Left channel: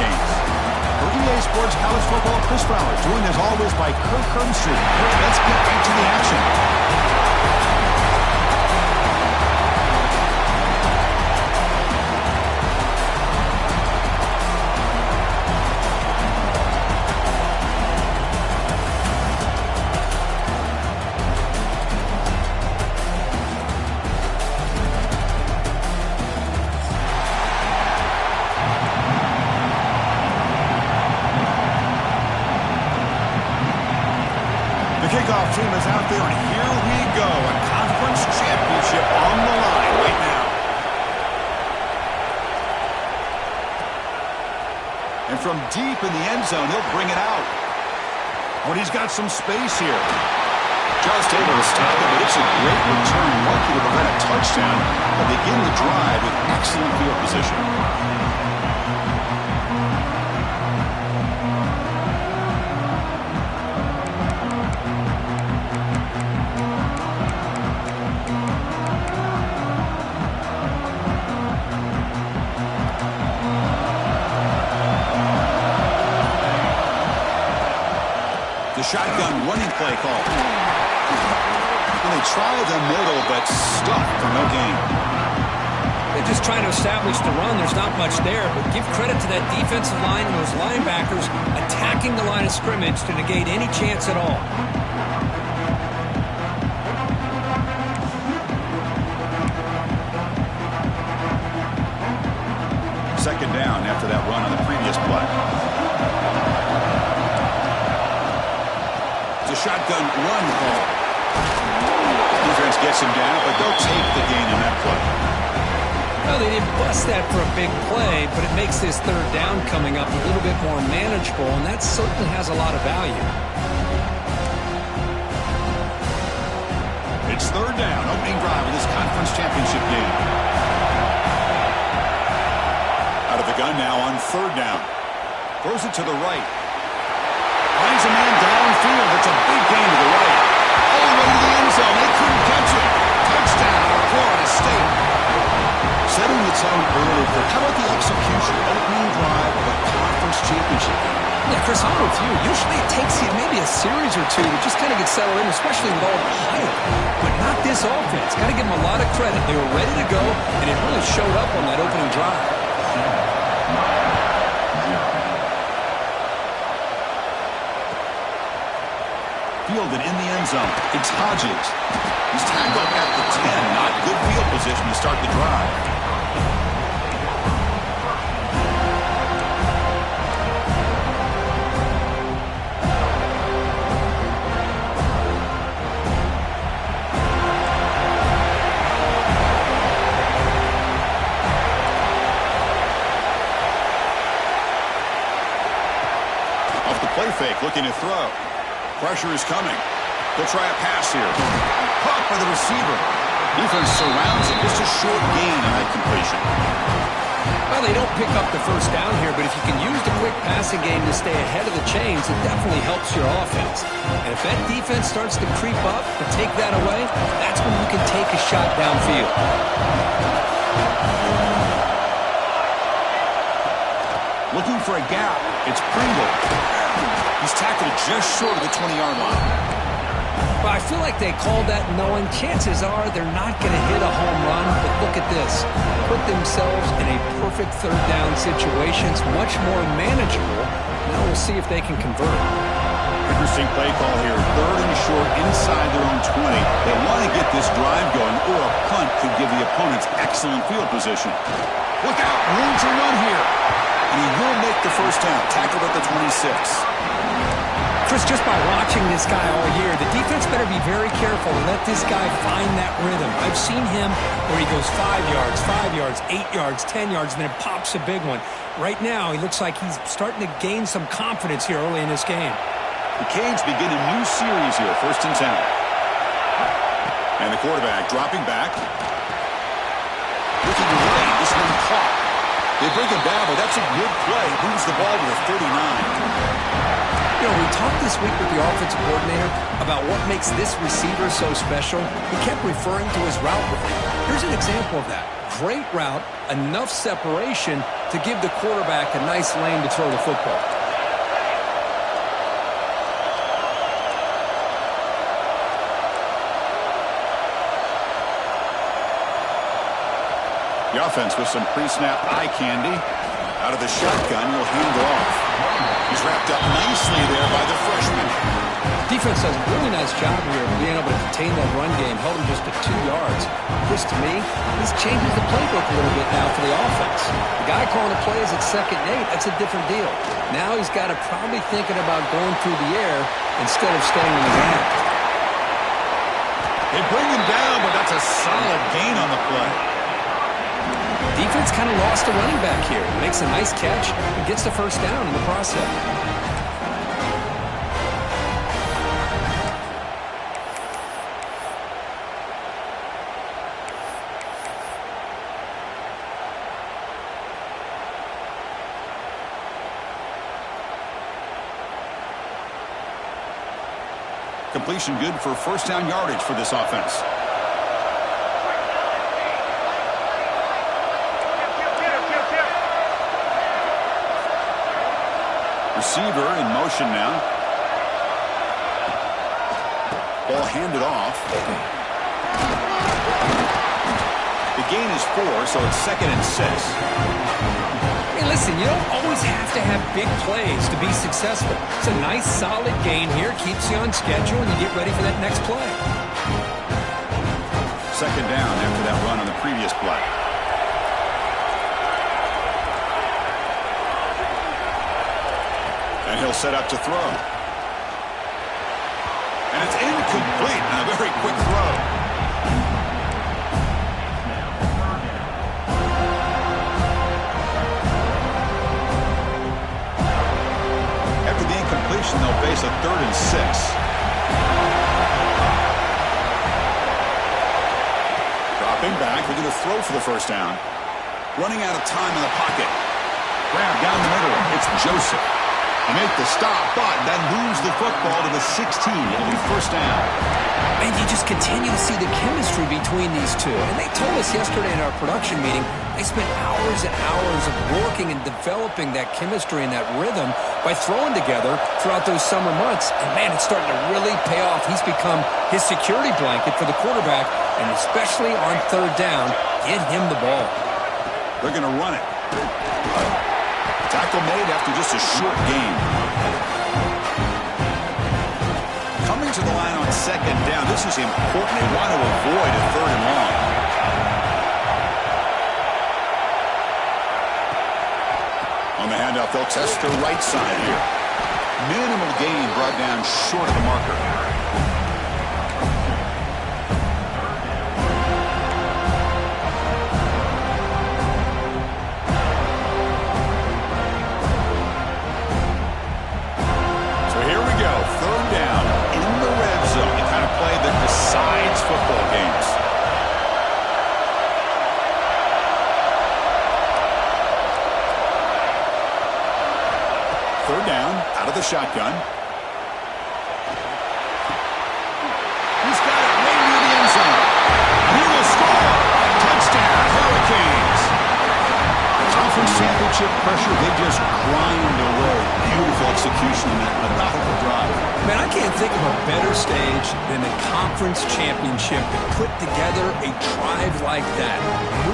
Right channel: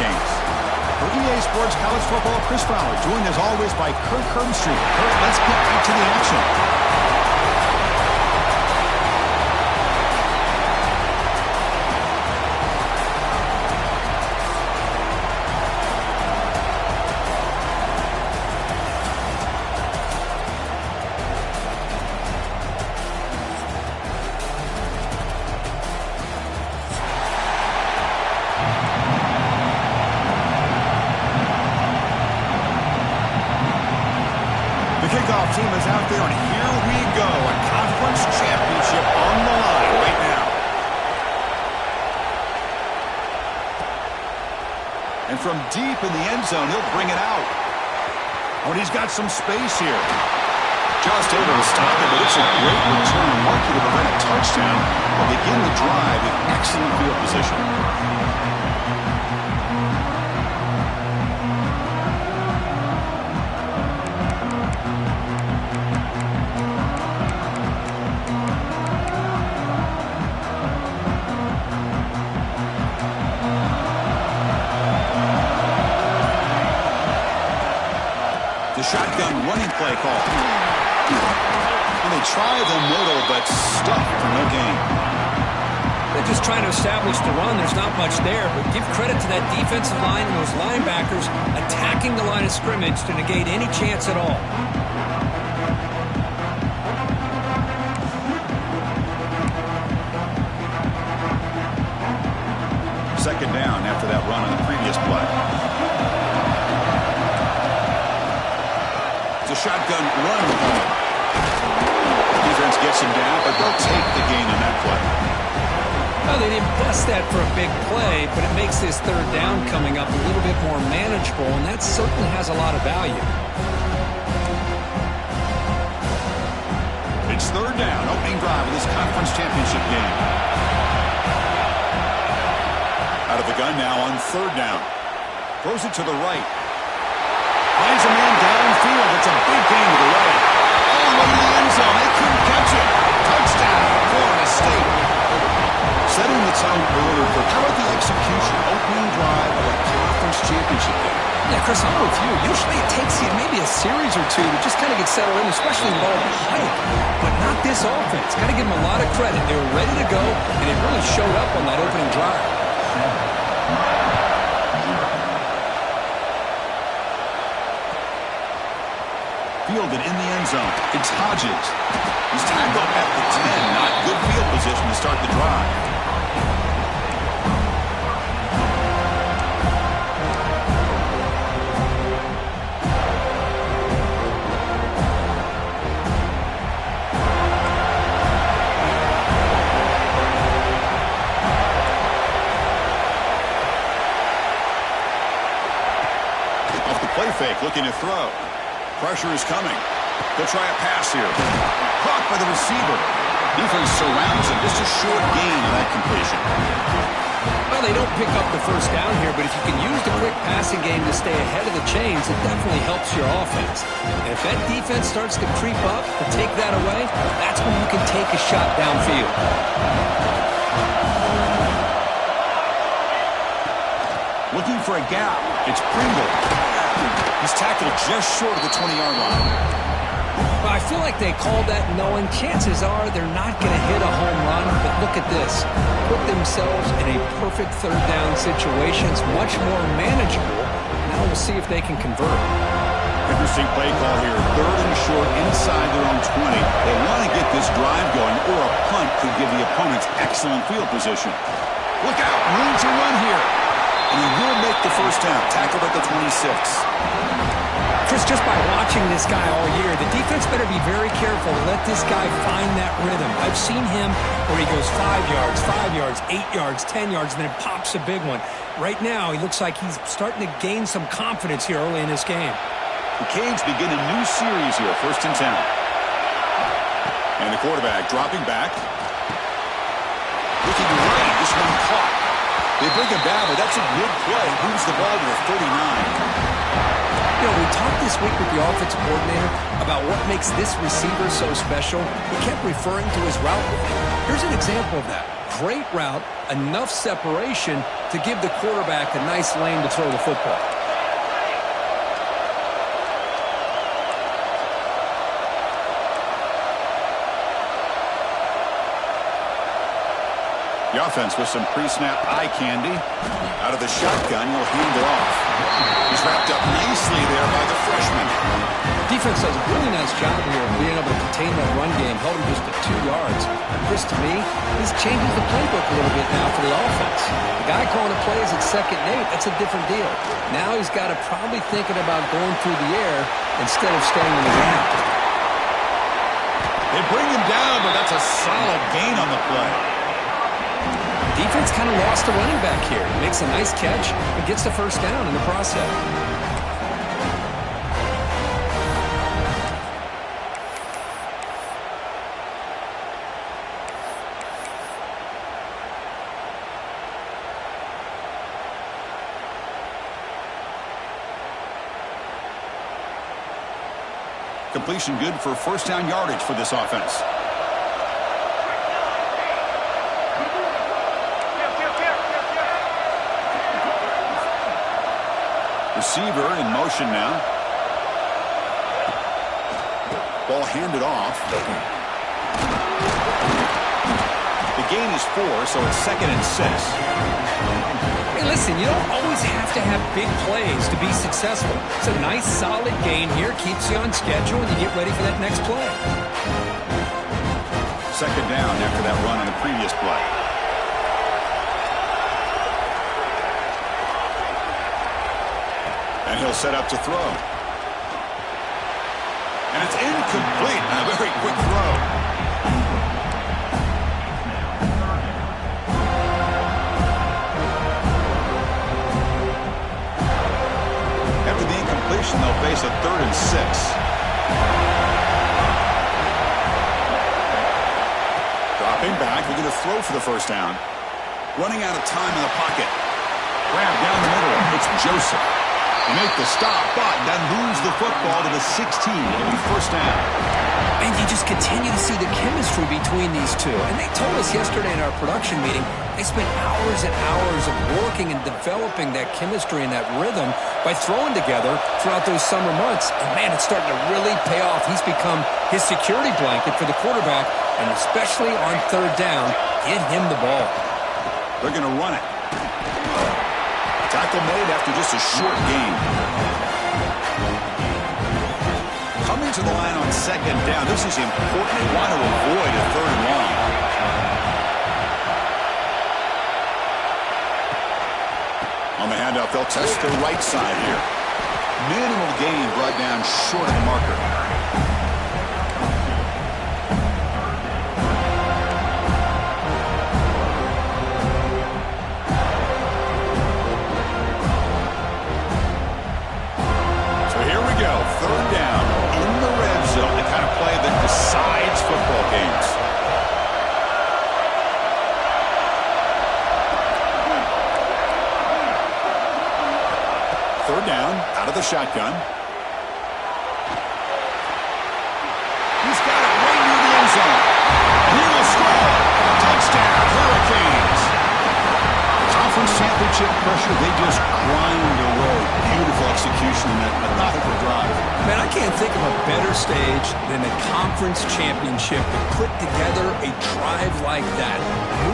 Canes. For EA Sports College Football, Chris Fowler, joined as always by Kirk Herbstreit. Kirk, let's get right to the action. Kickoff team is out there, and here we go. A conference championship on the line right now. And from deep in the end zone, he'll bring it out. Oh, and he's got some space here. Just able to stop it, but it's a great return. Lucky to prevent a touchdown. They'll begin the drive with excellent field position. The shotgun running play call. And they try the middle, but stuffed for no gain. They're just trying to establish the run. There's not much there, but give credit to that defensive line and those linebackers attacking the line of scrimmage to negate any chance at all. Second down after that run on the previous play. The shotgun run ball. Defense gets him down, but they'll take the gain on that play. Well, they didn't bust that for a big play, but it makes this third down coming up a little bit more manageable, and that certainly has a lot of value. It's third down, opening drive of this conference championship game. Out of the gun now on third down. Throws it to the right. Finds a man downfield. It's a big gain to the right. All the way to the end zone. They couldn't catch it. Touchdown, Florida State. Setting the tone early for how about the execution, opening drive of a conference championship game. Yeah, Chris, I'm with you. Usually it takes you maybe a series or two to just kind of get settled in, especially with all the hype. But not this offense. Got to give them a lot of credit. They were ready to go, and it really showed up on that opening drive. Fielded in the end zone. It's Hodges. He's tackled at the 10. Not good field position to start the drive. Off the play fake, looking to throw. Pressure is coming. They'll try a pass here. Caught by the receiver. Defense surrounds him. Just a short gain on that completion. Well, they don't pick up the first down here, but if you can use the quick passing game to stay ahead of the chains, it definitely helps your offense. And if that defense starts to creep up and take that away, that's when you can take a shot downfield. Looking for a gap. It's Pringle. He's tackled just short of the 20-yard line. Well, I feel like they called that knowing chances are they're not going to hit a home run, but look at this. Put themselves in a perfect third down situation. It's much more manageable. Now we'll see if they can convert. Interesting play call here. Third and short inside their own 20. They want to get this drive going, or a punt could give the opponents excellent field position. Look out, room to run here. And he will make the first down. Tackled at the 26. Chris, just by watching this guy all year, the defense better be very careful to let this guy find that rhythm. I've seen him where he goes 5 yards, 8 yards, 10 yards, and then it pops a big one. Right now, he looks like he's starting to gain some confidence here early in this game. The Canes begin a new series here, 1st and 10. And the quarterback dropping back. Looking right, this one caught. They bring him down, but that's a good play. Moves the ball to the 39. You know, we talked this week with the offensive coordinator about what makes this receiver so special. He kept referring to his route running. Here's an example of that. Great route, enough separation, to give the quarterback a nice lane to throw the football. The offense with some pre-snap eye candy. Out of the shotgun, he'll hand it off. He's wrapped up nicely there by the freshman. Defense does a really nice job here of being able to contain that run game. Held him just to 2 yards. Chris, to me, this changes the playbook a little bit now for the offense. The guy calling the plays at 2nd and 8, that's a different deal. Now he's got to probably thinking about going through the air instead of staying on the ground. They bring him down, but that's a solid gain on the play. Defense kind of lost the running back here. He makes a nice catch and gets the first down in the process. Completion good for first down yardage for this offense. Receiver in motion now. Ball handed off. The gain is 4, so it's 2nd and 6. Hey, listen, you don't always have to have big plays to be successful. It's a nice, solid gain here. Keeps you on schedule, and you get ready for that next play. 2nd down after that run on the previous play. And he'll set up to throw. And it's incomplete and a very quick throw. After the incompletion, they'll face a 3rd and 6. Dropping back, they're going to throw for the first down. Running out of time in the pocket. Grab down the middle. It's Joseph. They make the stop, but then moves the football to the 16. It'll be first down. And you just continue to see the chemistry between these two. And they told us yesterday in our production meeting, they spent hours and hours of working and developing that chemistry and that rhythm by throwing together throughout those summer months. And, man, it's starting to really pay off. He's become his security blanket for the quarterback, and especially on 3rd down, get him the ball. They're going to run it. Tackle made after just a short gain. Coming to the line on 2nd down. This is important. They want to avoid a 3rd and long. On the handoff, they'll test the right side here. Minimal gain brought down short of the marker. Go. 3rd down in the red zone. The kind of play that decides football games. Third down out of the shotgun. He's got it right near the end zone. And he will score. Touchdown, Hurricanes. Conference championship pressure, they just grind away. Beautiful execution in that methodical drive. Man, I can't think of a better stage than a conference championship to put together a drive like that.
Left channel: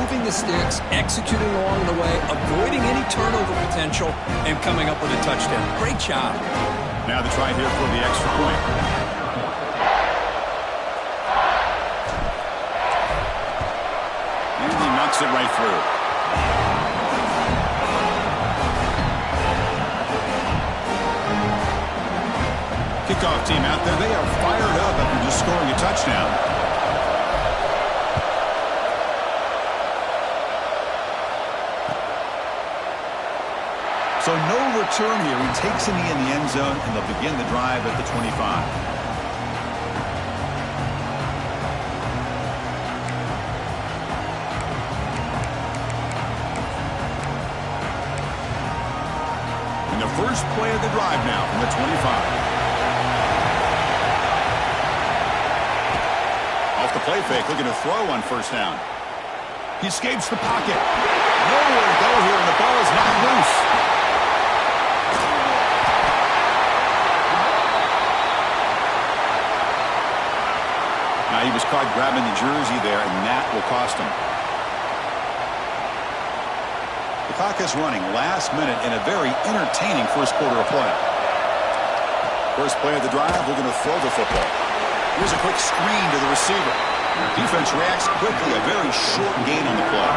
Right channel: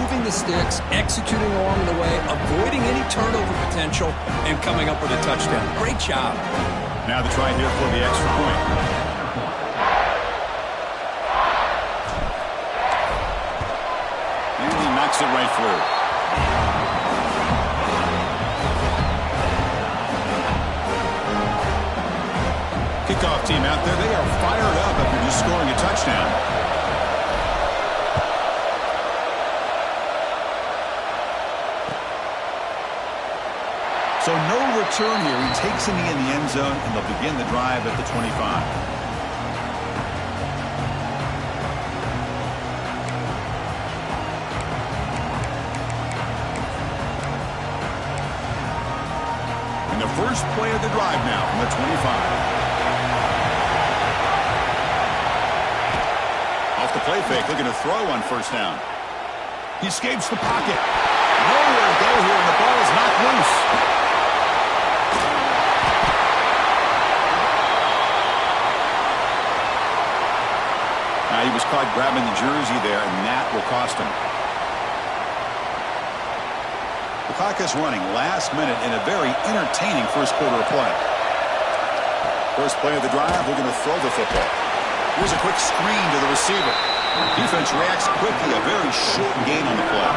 Moving the sticks, executing along the way, avoiding any turnover potential, and coming up with a touchdown. Great job. Now the try here for the extra point. And he knocks it right through. Kickoff team out there, they are fired up after just scoring a touchdown. So no return here. He takes it in the end zone, and they'll begin the drive at the 25. And the first play of the drive now from the 25. Off the play fake, looking to throw on first down. He escapes the pocket. No nowhere to go here, and the ball is knocked loose. Now he was caught grabbing the jersey there, and that will cost him. The clock is running last minute in a very entertaining first quarter of play. First play of the drive, we're going to throw the football. Here's a quick screen to the receiver. Defense reacts quickly, a very short gain on the play.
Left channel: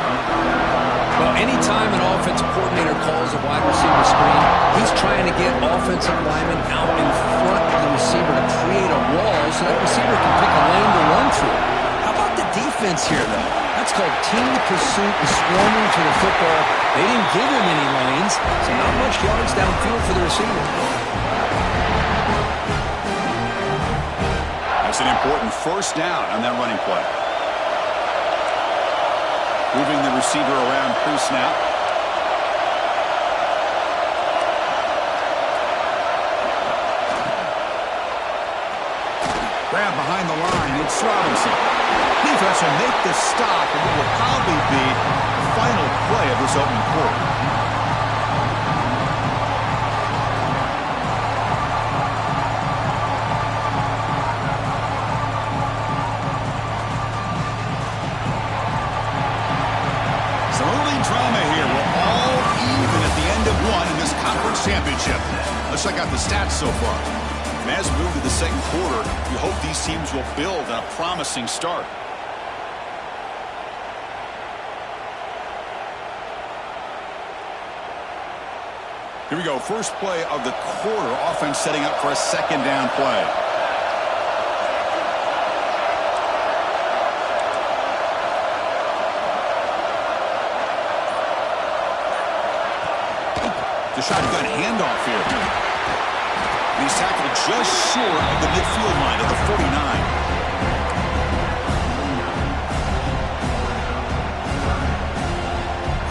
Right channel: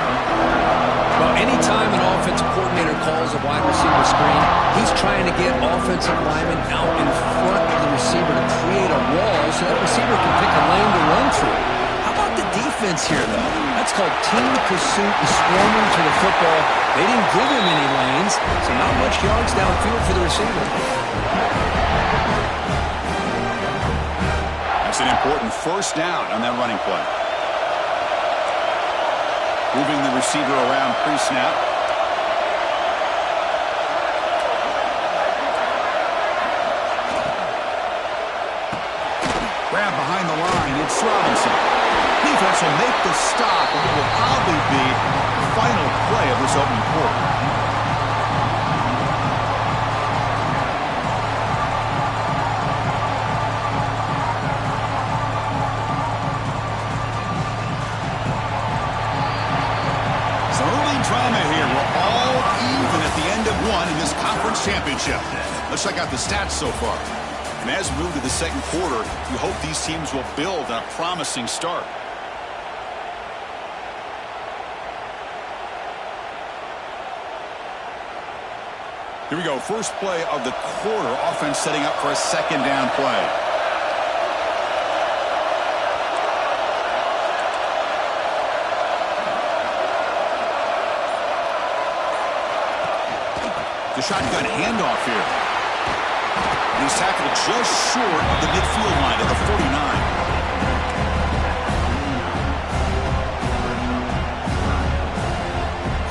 Well, anytime an offensive coordinator calls a wide receiver screen, he's trying to get offensive linemen out in front of the receiver to create a wall so that receiver can pick a lane to run through. How about the defense here, though? That's called team pursuit and swarming to the football. They didn't give him any lanes, so not much yards downfield for the receiver. That's an important first down on that running play. Moving the receiver around pre-snap. Grab behind the line. It's Robinson. Defense will make the stop, and it will probably be the final play of this opening quarter. Drama here. We're all even at the end of one in this conference championship. Let's check out the stats so far. And as we move to the second quarter, we hope these teams will build on a promising start. Here we go. First play of the quarter. Offense setting up for a second down play. The shotgun handoff here. And he's tackled just short of the midfield line at the 49.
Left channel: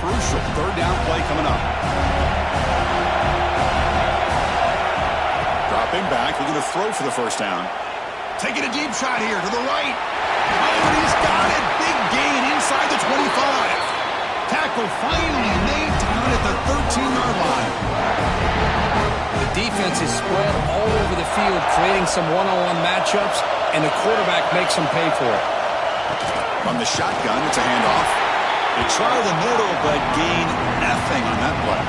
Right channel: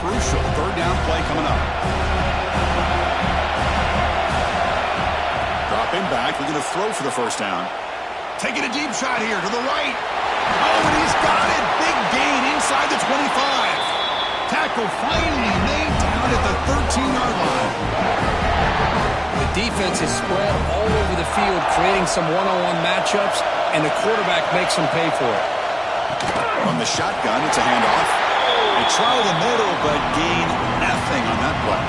Crucial third down play coming up. Dropping back, looking to throw for the first down. Taking a deep shot here to the right. Oh, and he's got it. Big gain inside the 25. Tackle finally made down at the 13-yard line. The defense is spread all over the field, creating some one-on-one matchups, and the quarterback makes them pay for it. From the shotgun, it's a handoff. They try the middle, but gain nothing on that play.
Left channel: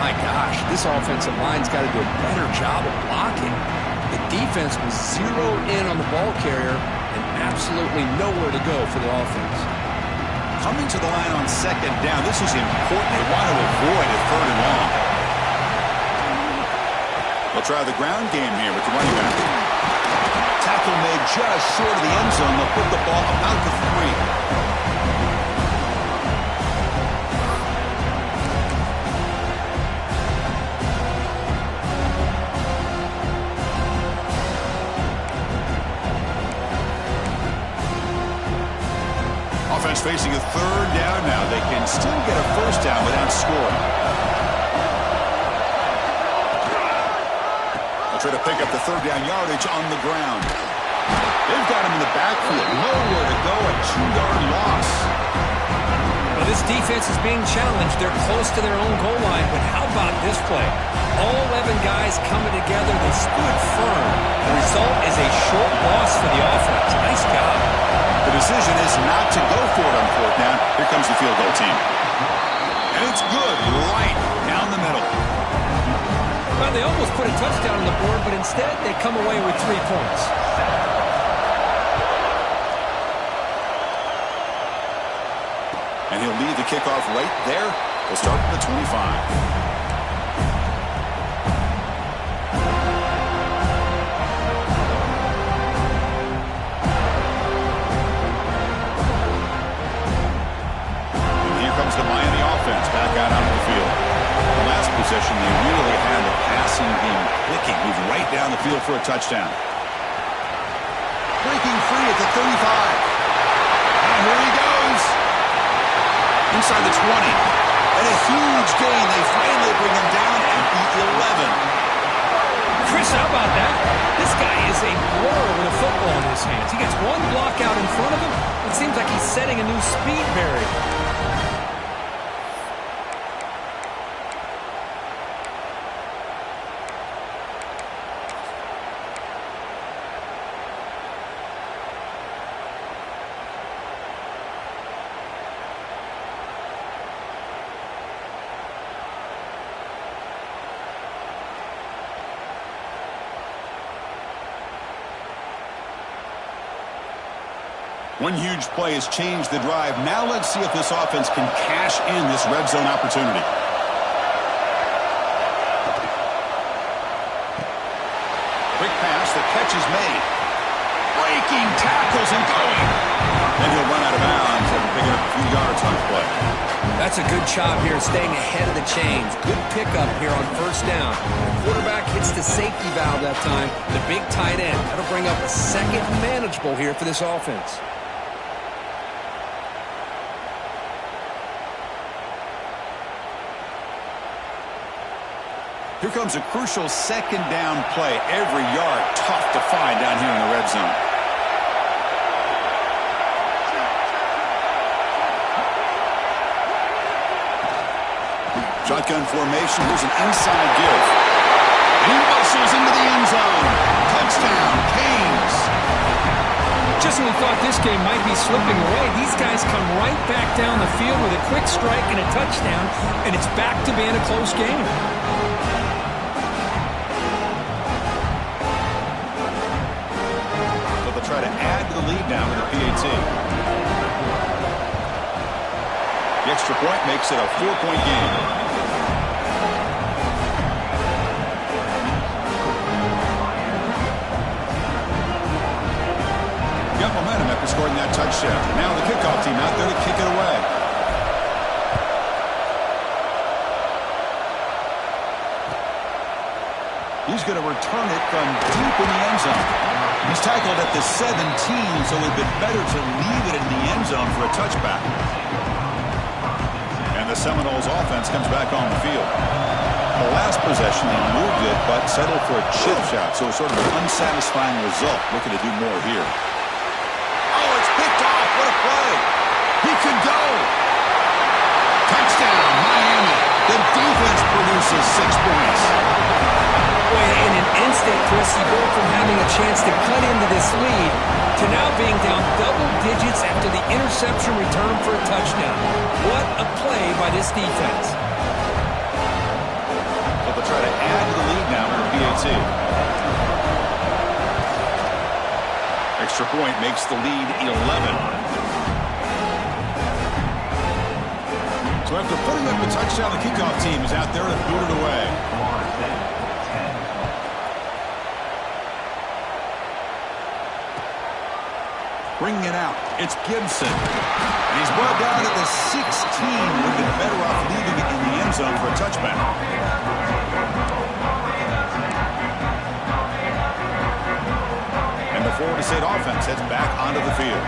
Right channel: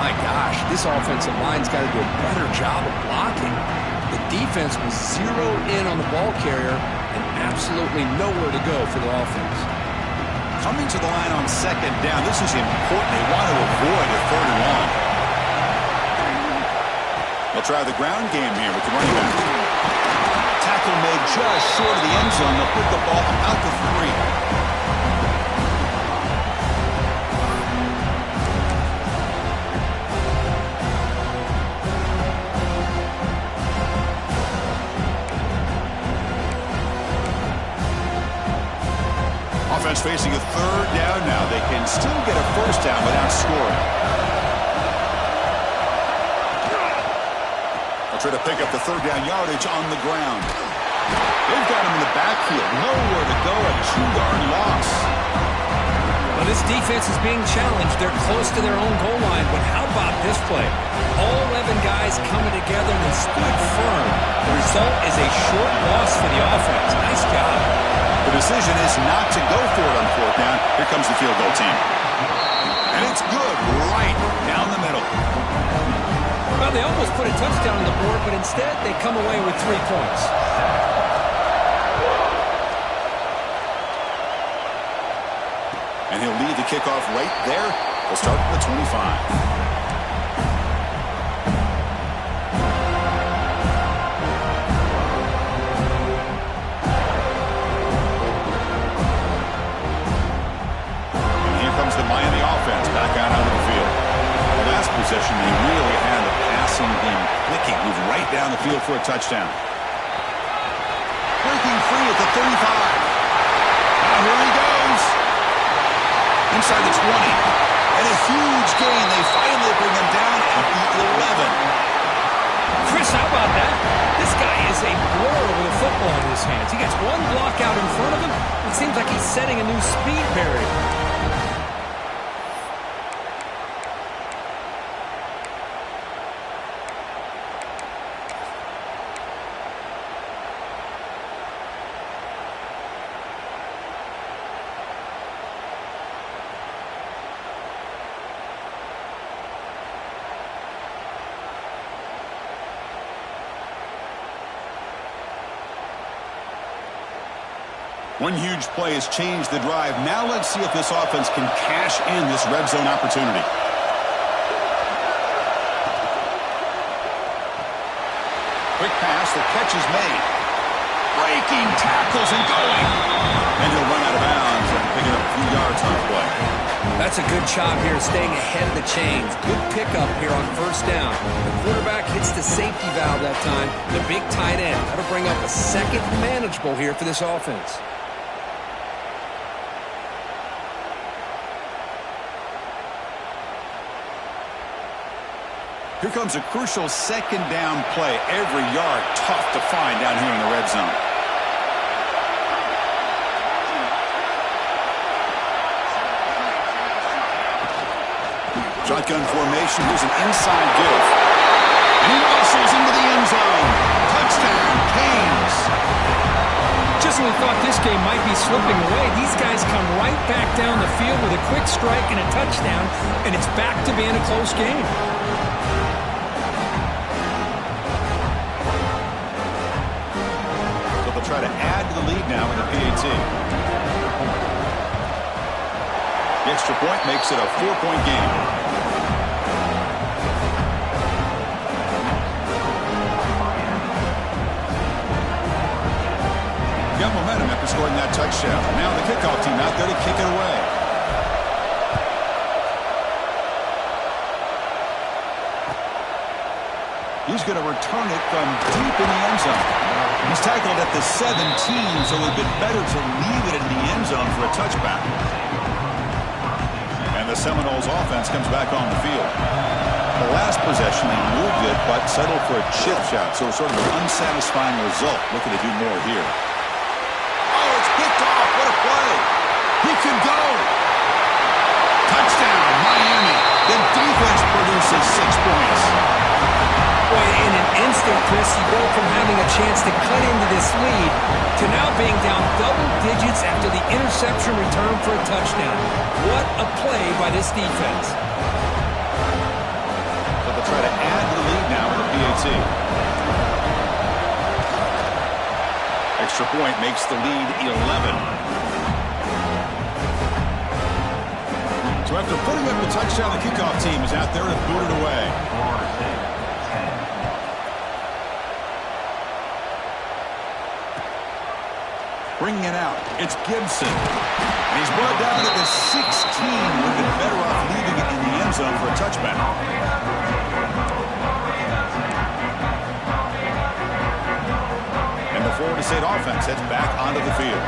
My gosh, this offensive line's got to do a better job of blocking. The defense was zeroed in on the ball carrier and absolutely nowhere to go for the offense. Coming to the line on second down, this is important. They want to avoid a third and long. They'll try the ground game here with the running back. Tackle made just short of the end zone. They'll put the ball about the 3. Offense facing a third down now. They can still get a first down without scoring. They'll try to pick up the third down yardage on the ground. They've got him in the backfield. Nowhere to go. A 2-yard loss. Well, this defense is being challenged. They're close to their own goal line, but how about this play? All 11 guys coming together. They stood firm. The result is a short loss for the offense. Nice job. The decision is not to go for it on fourth down. Here comes the field goal team. And it's good right down the middle. Well, they almost put a touchdown on the board, but instead they come away with 3 points. And he'll lead the kickoff right there. We'll start from the 25. The Miami offense back out onto the field. The last possession, they really had the passing game clicking, moved right down the field for a touchdown. Breaking free at the 35. Now here he goes. Inside the 20. And a huge gain. They finally bring him down at the 11. Chris, how about that? This guy is a blur with a football in his hands. He gets one block out in front of him. It seems like he's setting a new speed barrier. One huge play has changed the drive. Now let's see if this offense can cash in this red zone opportunity. Quick pass, the catch is made. Breaking tackles and going. And he'll run out of bounds after picking up a few yards on the play. That's a good job here, staying ahead of the chains. Good pickup here on first down. The quarterback hits the safety valve that time. The big tight end. That'll bring up a second manageable here for this offense. Here comes a crucial second down play. Every yard tough to find down here in the red zone. Shotgun formation. Here's an inside give. And he muscles into the end zone. Touchdown, Canes. Just when we thought this game might be slipping away, these guys come right back down the field with a quick strike and a touchdown, and it's back to being a close game. So they'll try to add to the lead now with a PAT. The extra point makes it a 4-point game. Got momentum after scoring that touchdown. Now the kickoff team out there to kick it away. He's going to return it from deep in the end zone. He's tackled at the 17, so it would have been better to leave it in the end zone for a touchback. And the Seminoles offense comes back on the field. The last possession, they moved it, but settled for a chip shot, so it's sort of an unsatisfying result. Looking to do more here. Oh, it's picked off. What a play. He could go. Touchdown, Miami. The defense produces 6 points. Boy, in an instant, Chris, you go from having a chance to cut into this lead to now being down double digits after the interception return for a touchdown. What a play by this defense. So they'll try to add to the lead now with a PAT. Extra point makes the lead 11. So after putting up the touchdown, the kickoff team is out there to boot it away. Bringing it out, it's Gibson. And he's brought down at the 16. Would have been better off leaving it in the end zone for a touchback. And the Florida State offense heads back onto the field.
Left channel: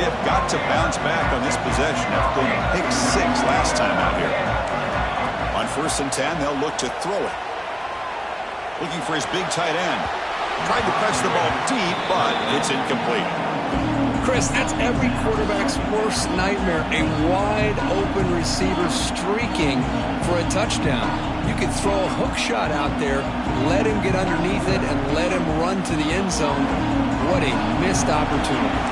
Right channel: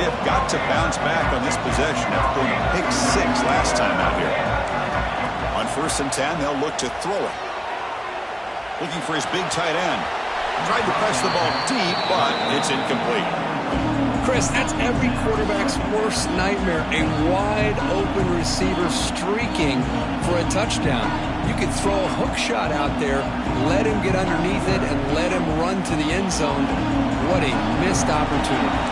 They have got to bounce back on this possession after throwing a pick 6 last time out here. On 1st and 10, they'll look to throw it. Looking for his big tight end. Tried to press the ball deep, but it's incomplete. Chris, that's every quarterback's worst nightmare. A wide-open receiver streaking for a touchdown. You could throw a hook shot out there, let him get underneath it, and let him run to the end zone. What a missed opportunity.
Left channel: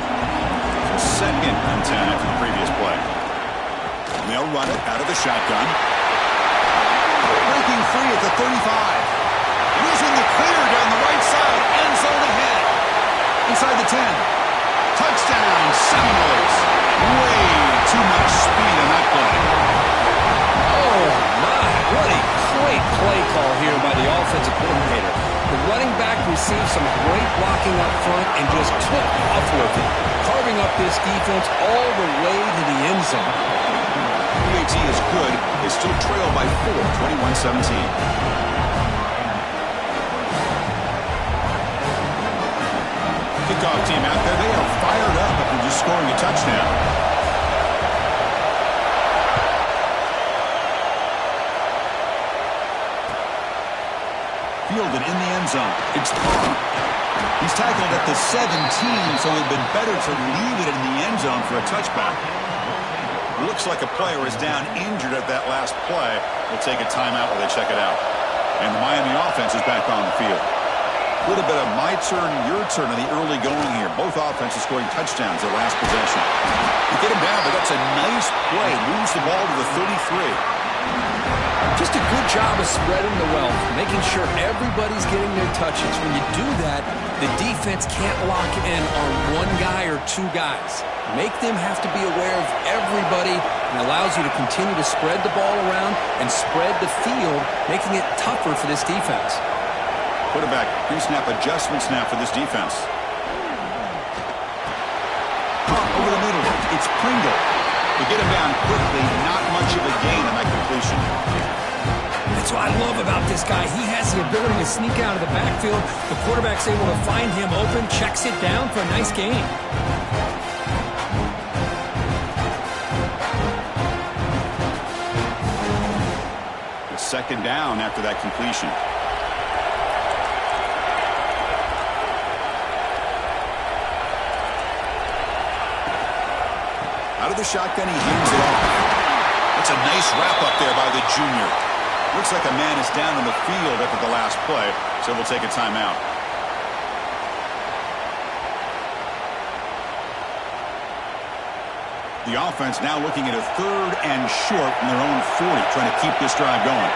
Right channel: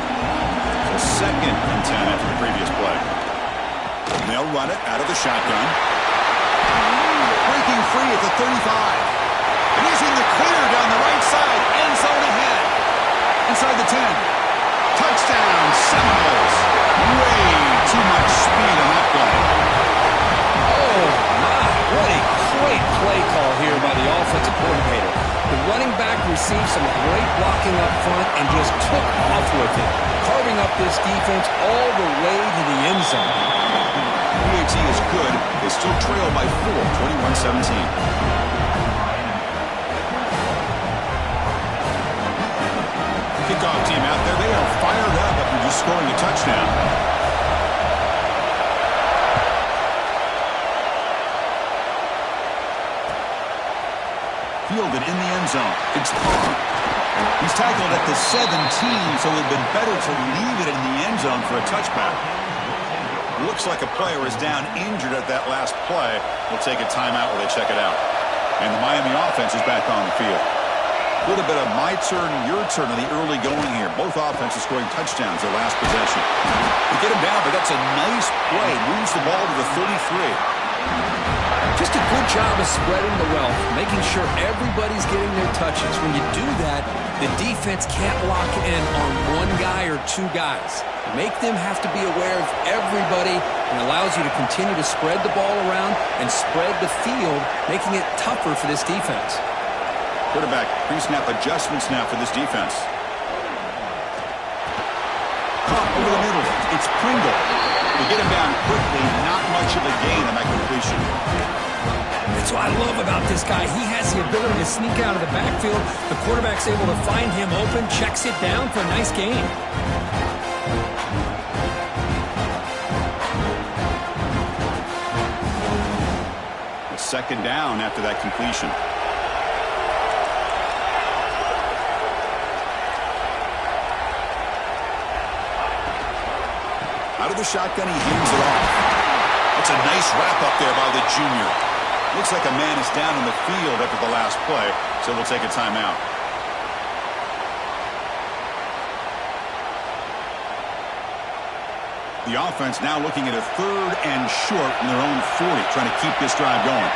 So 2nd and 10 after the previous play. And they'll run it out of the shotgun. Breaking free at the 35. And he's in the clear down the right side. End zone ahead. Inside the 10. Touchdown, Seminoles. Way too much speed on that play. Oh, my. What a great play call here by the offensive coordinator. The running back received some great blocking up front and just took off with it, carving up this defense all the way to the end zone. PAT is good. They still trail by 4, 21-17. Kickoff team out there. They are fired up after just scoring a touchdown. Fielded in the end zone. It's Carr. He's tackled at the 17, so it would have been better to leave it in the end zone for a touchback. Looks like a player is down injured at that last play. We'll take a timeout while they check it out. And the Miami offense is back on the field. A little bit of my turn, your turn in the early going here. Both offenses scoring touchdowns their last possession. They get him down, but that's a nice play. Moves the ball to the 33. Just a good job of spreading the wealth, making sure everybody's getting their touches. When you do that, the defense can't lock in on one guy or two guys. Make them have to be aware of everybody, and allows you to continue to spread the ball around and spread the field, making it tougher for this defense. Quarterback pre-snap adjustments now for this defense. Caught over the middle. It's Pringle. To get him down quickly, not much of a gain on that completion. That's what I love about this guy. He has the ability to sneak out of the backfield. The quarterback's able to find him open, checks it down for a nice gain. A second down after that completion. Out of the shotgun, he hands it off. That's a nice wrap-up there by the junior. Looks like a man is down on the field after the last play, so we'll take a timeout. The offense now looking at a 3rd and short from their own 40, trying to keep this drive going.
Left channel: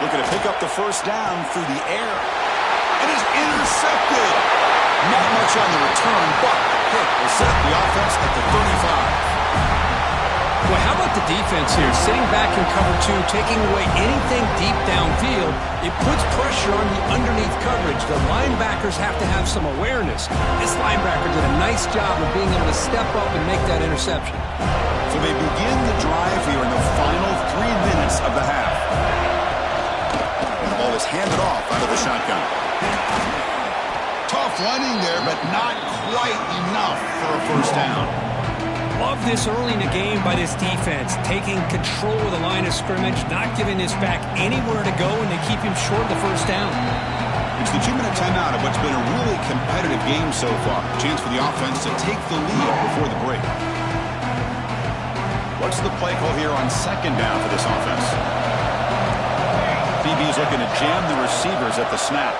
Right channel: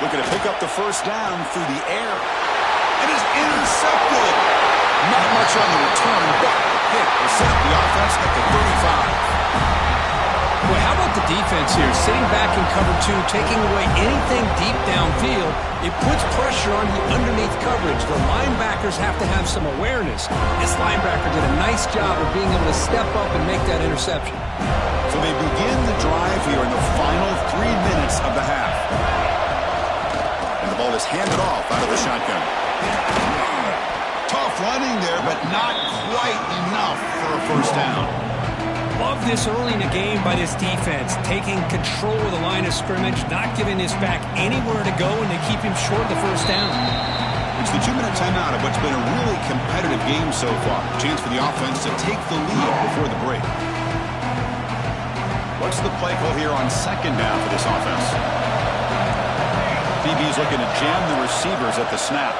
Looking to pick up the first down through the air. It is intercepted. Not much on the return, but the pick will set up the offense at the 35. Well, how about the defense here? Sitting back in cover 2, taking away anything deep downfield. It puts pressure on the underneath coverage. The linebackers have to have some awareness. This linebacker did a nice job of being able to step up and make that interception. So they begin the drive here in the final 3 minutes of the half. And the ball is handed off out of the shotgun. Tough running there, but not quite enough for a first down. Love this early in the game by this defense, taking control of the line of scrimmage, not giving this back anywhere to go, and they keep him short of the first down. It's the 2-minute timeout of what's been a really competitive game so far. Chance for the offense to take the lead before the break. What's the play call here on second down for this offense? DB's looking to jam the receivers at the snap.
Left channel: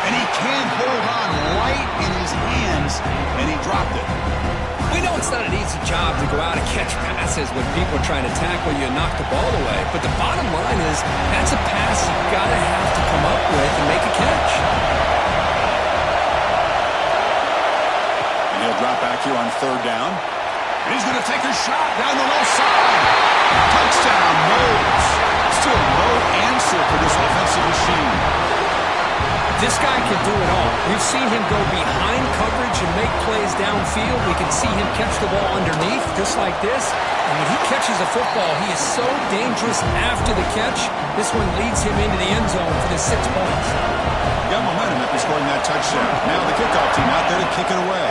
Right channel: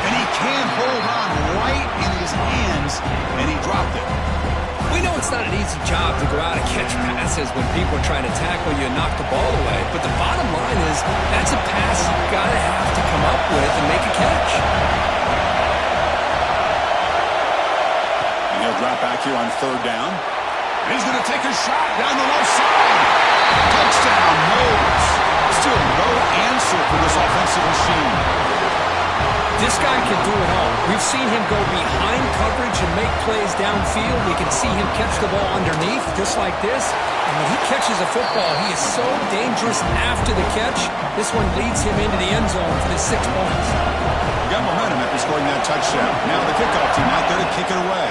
And he can't hold on right in his hands, and he dropped it. We know it's not an easy job to go out and catch passes when people are trying to tackle you and knock the ball away. But the bottom line is that's a pass you've got to have to come up with and make a catch. And he'll drop back here on 3rd down. And he's going to take a shot down the low side. Touchdown, Moles. Still no answer for this offensive machine. This guy can do it all. We've seen him go behind coverage and make plays downfield. We can see him catch the ball underneath, just like this. And when he catches a football, he is so dangerous after the catch. This one leads him into the end zone for the 6 points. Got momentum after scoring that touchdown. Now the kickoff team out there to kick it away.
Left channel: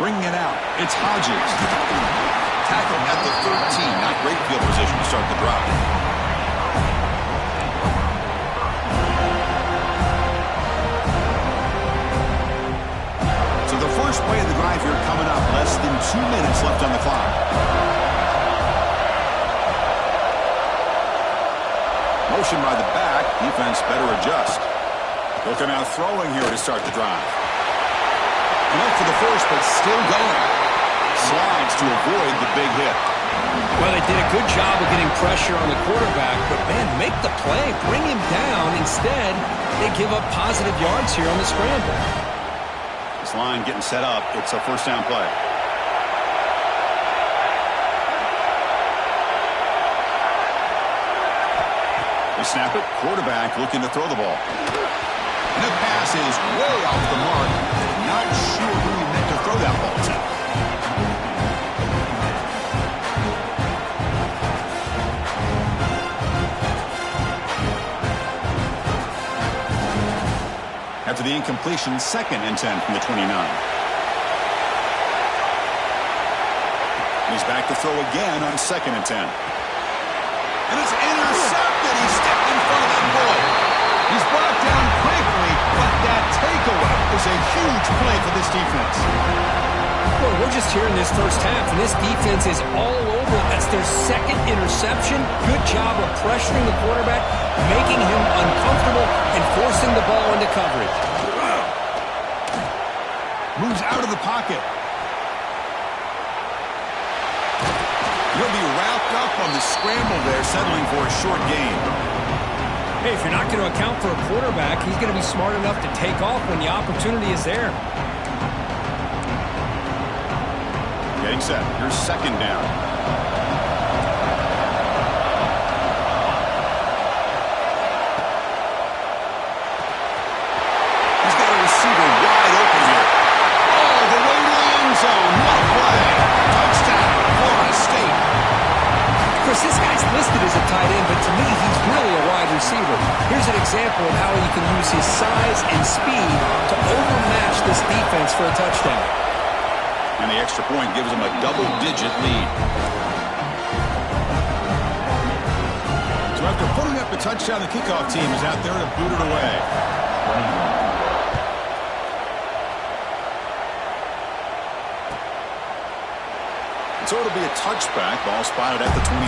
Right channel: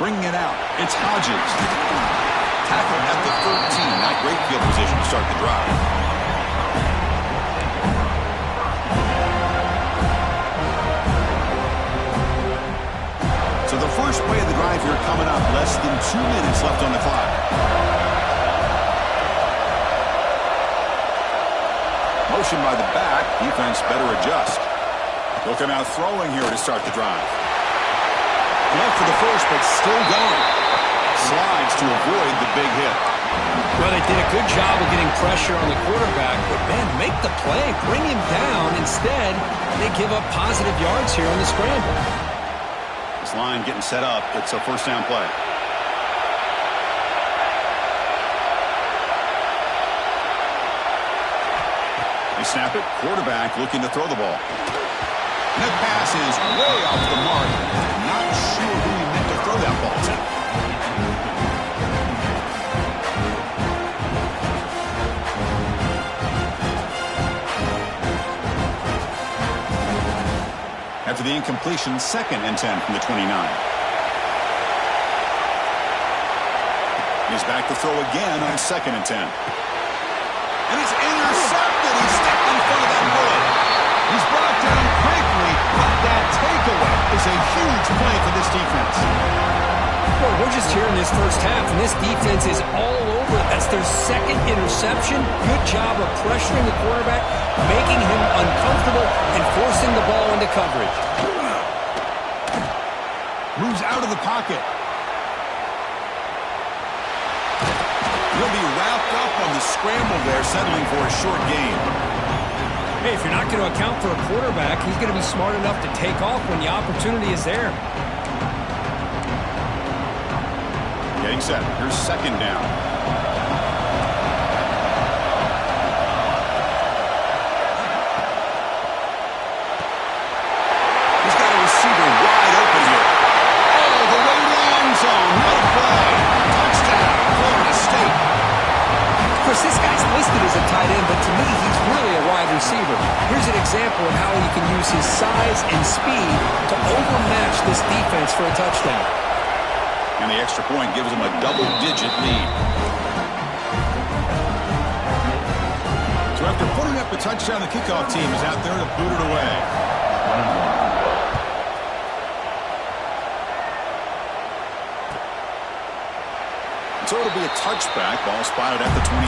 Bringing it out, it's Hodges. Tackled at the 13. Not great field position to start the drive. So the first play of the drive here coming up. Less than 2 minutes left on the clock. Motion by the back. Defense better adjust. They'll come out throwing here to start the drive. Enough for the first, but still going. Slides to avoid the big hit. Well, they did a good job of getting pressure on the quarterback, but, man, make the play. Bring him down. Instead, they give up positive yards here on the scramble. This line getting set up. It's a first down play. They snap it. Quarterback looking to throw the ball. And the pass is way off the mark. Not sure who he meant to throw that ball to. After the incompletion, 2nd and 10 from the 29. He's back to throw again on 2nd and 10. And it's intercepted. He stepped in front of that bullet. He's brought down quickly, but that takeaway is a huge play for this defense. Boy, we're just here in this first half, and this defense is all over. That's their 2nd interception. Good job of pressuring the quarterback, making him uncomfortable, and forcing the ball into coverage. Moves out of the pocket. He'll be wrapped up on the scramble there, settling for a short gain. Hey, if you're not going to account for a quarterback, he's going to be smart enough to take off when the opportunity is there. Getting set. Here's second down. He's got a receiver wide open here. All the way to the end zone. What a play. Touchdown, Florida State. Of course, this guy's listed as a tight end, but to me, he's really a wide receiver. Here's an example of how he can use his size and speed to overmatch this defense for a touchdown. And the extra point gives him a double-digit lead. So after putting up a touchdown, the kickoff team is out there to boot it away. 21. So it'll be a touchback. Ball spotted at the 25.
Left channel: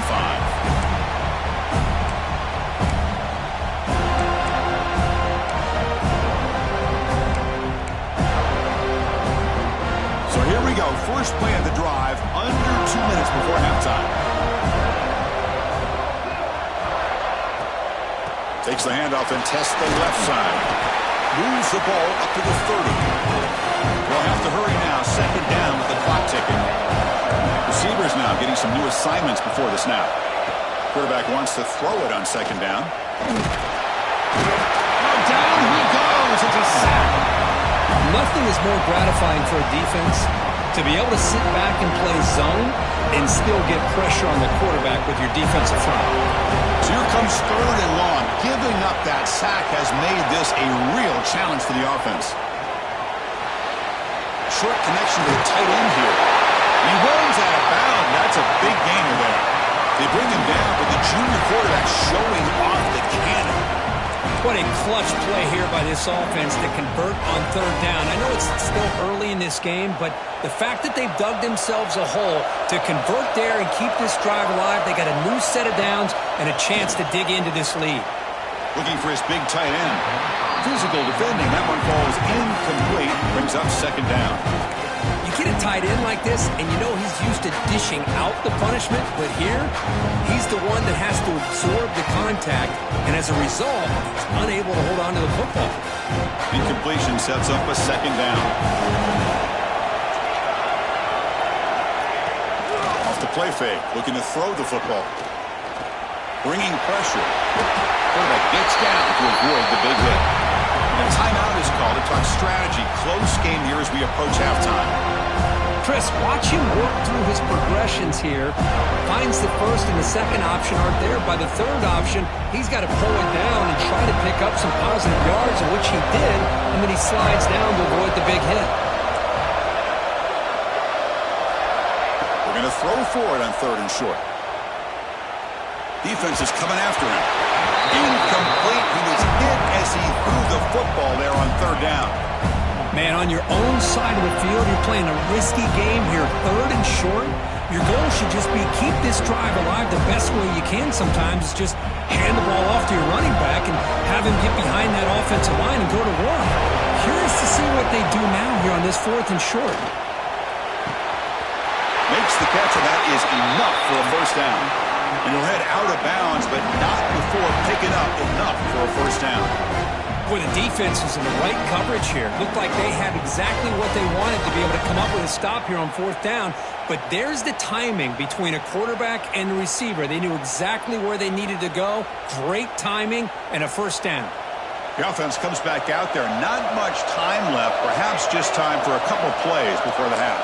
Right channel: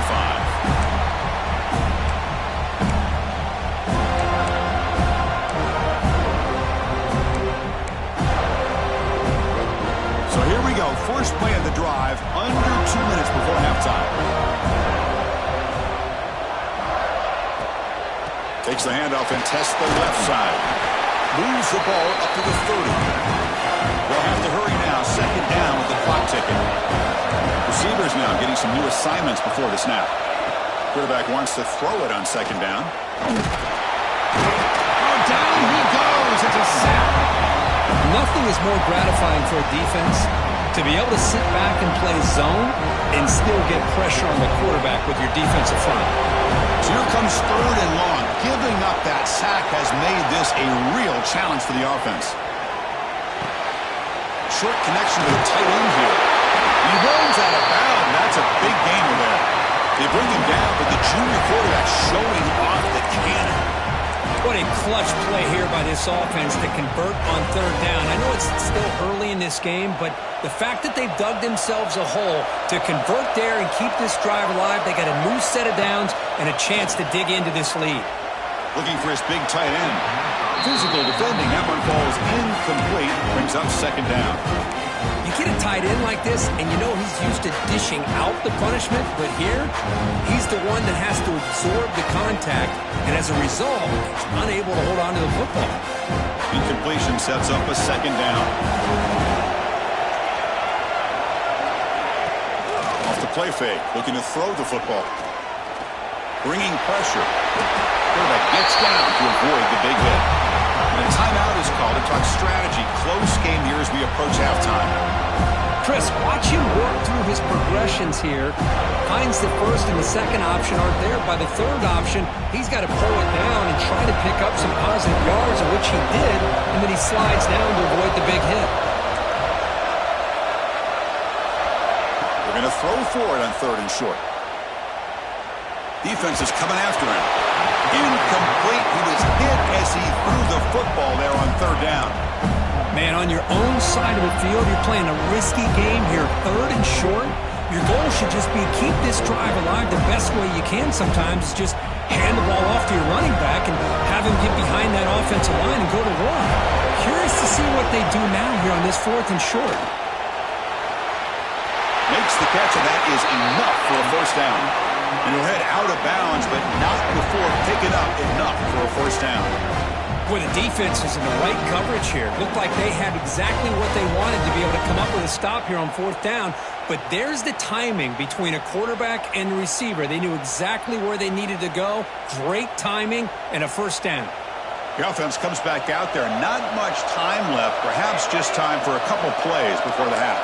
So here we go. First play of the drive, under 2 minutes before halftime. Takes the handoff and tests the left side. Moves the ball up to the 30. They'll have to hurry now. Second down with the clock ticking. Receivers now getting some new assignments before the snap. Quarterback wants to throw it on second down. Oh, down he goes. It's a sack. Nothing is more gratifying for a defense to be able to sit back and play zone and still get pressure on the quarterback with your defensive front. So here comes third and long. Giving up that sack has made this a real challenge for the offense. Short connection to the tight end here. He runs out of bounds. That's a big gainer there. They bring him down, but the junior quarterback showing off the cannon. What a clutch play here by this offense to convert on third down. I know it's still early in this game, but the fact that they've dug themselves a hole to convert there and keep this drive alive, they got a new set of downs and a chance to dig into this lead. Looking for his big tight end. Physical defending. That one falls incomplete. Brings up second down. You get a tight end like this, and you know he's used to dishing out the punishment, but here, he's the one that has to absorb the contact, and as a result, he's unable to hold on to the football. Incompletion sets up a second down. Off the play fake, looking to throw the football. Bringing pressure. Quarterback gets down to avoid the big hit. And a timeout is called to talk strategy. Close game here as we approach halftime. Chris, watch him work through his progressions here. Finds the first and the second option aren't there. By the third option, he's got to pull it down and try to pick up some positive yards, of which he did, and then he slides down to avoid the big hit. They're going to throw for it on third and short. Defense is coming after him. Incomplete. He was hit as he threw the football there on third down. Man, on your own side of the field, you're playing a risky game here. Third and short, your goal should just be keep this drive alive the best way you can sometimes is just hand the ball off to your running back and have him get behind that offensive line and go to work. Curious to see what they do now here on this fourth and short. Makes the catch, and that is enough for a first down. And he'll head out of bounds, but not before picking up enough for a first down. Boy, the defense was in the right coverage here. Looked like they had exactly what they wanted to be able to come up with a stop here on fourth down. But there's the timing between a quarterback and the receiver. They knew exactly where they needed to go. Great timing and a first down. The offense comes back out there. Not much time left. Perhaps just time for a couple plays before the half.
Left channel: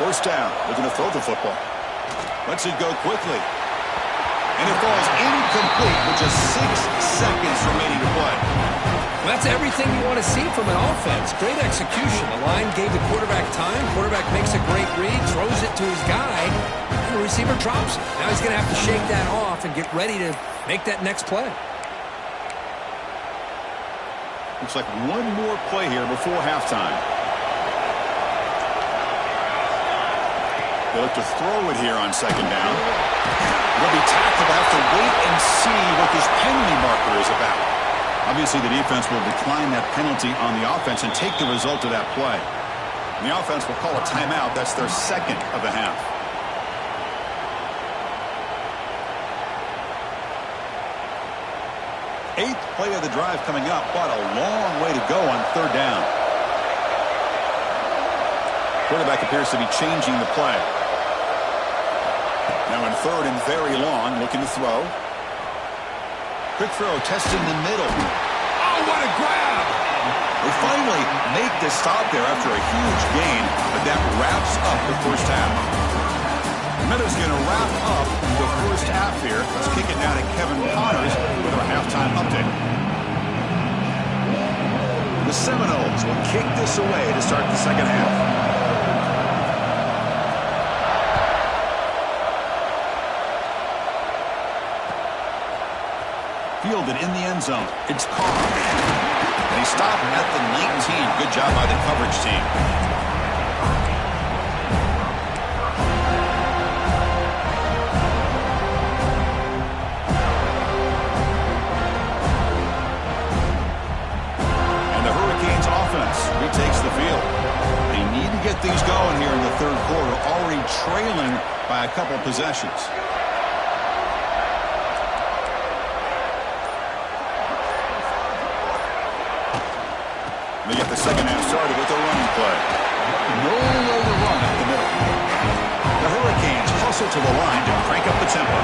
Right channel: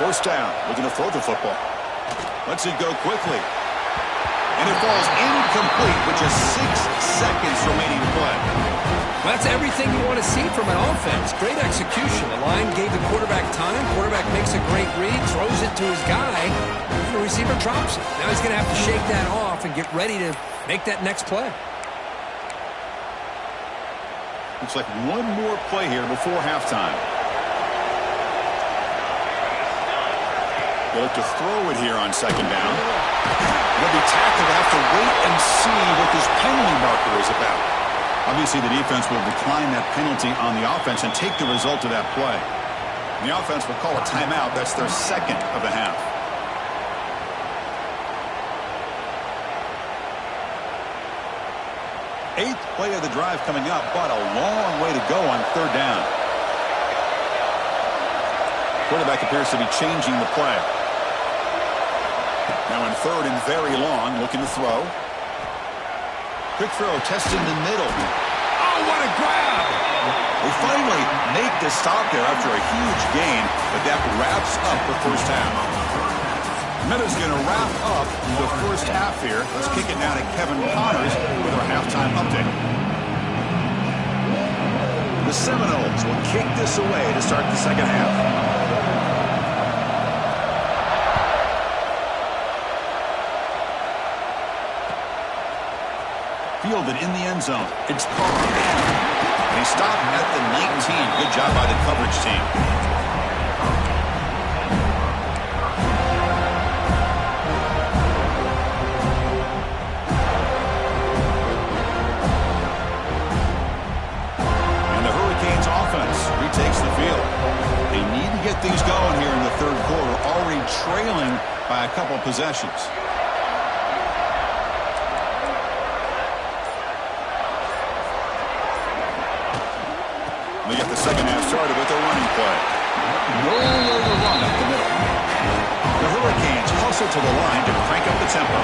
First down, looking to throw the football. Lets it go quickly. And it falls incomplete with just 6 seconds remaining to play. Well, that's everything you want to see from an offense. Great execution. The line gave the quarterback time. Quarterback makes a great read, throws it to his guy, and the receiver drops it. Now he's going to have to shake that off and get ready to make that next play. Looks like one more play here before halftime. They look to throw it here on second down. They'll be tackled. Have to wait and see what this penalty marker is about. Obviously, the defense will decline that penalty on the offense and take the result of that play. And the offense will call a timeout. That's their second of the half. Eighth play of the drive coming up, but a long way to go on third down. Quarterback appears to be changing the play. Now in third and very long, looking to throw. Quick throw, testing the middle. Oh, what a grab! They finally make the stop there after a huge gain, but that wraps up the first half. Minuta's going to wrap up the first half here. Let's kick it now to Kevin Connors with our halftime update. The Seminoles will kick this away to start the second half. Fielded in the end zone. It's Carr. And he stopped at the 19. Good job by the coverage team. And the Hurricanes offense retakes the field. They need to get things going here in the third quarter, already trailing by a couple possessions. They get the second half started with a running play. Nowhere to run up the middle. The Hurricanes hustle to the line to crank up the tempo.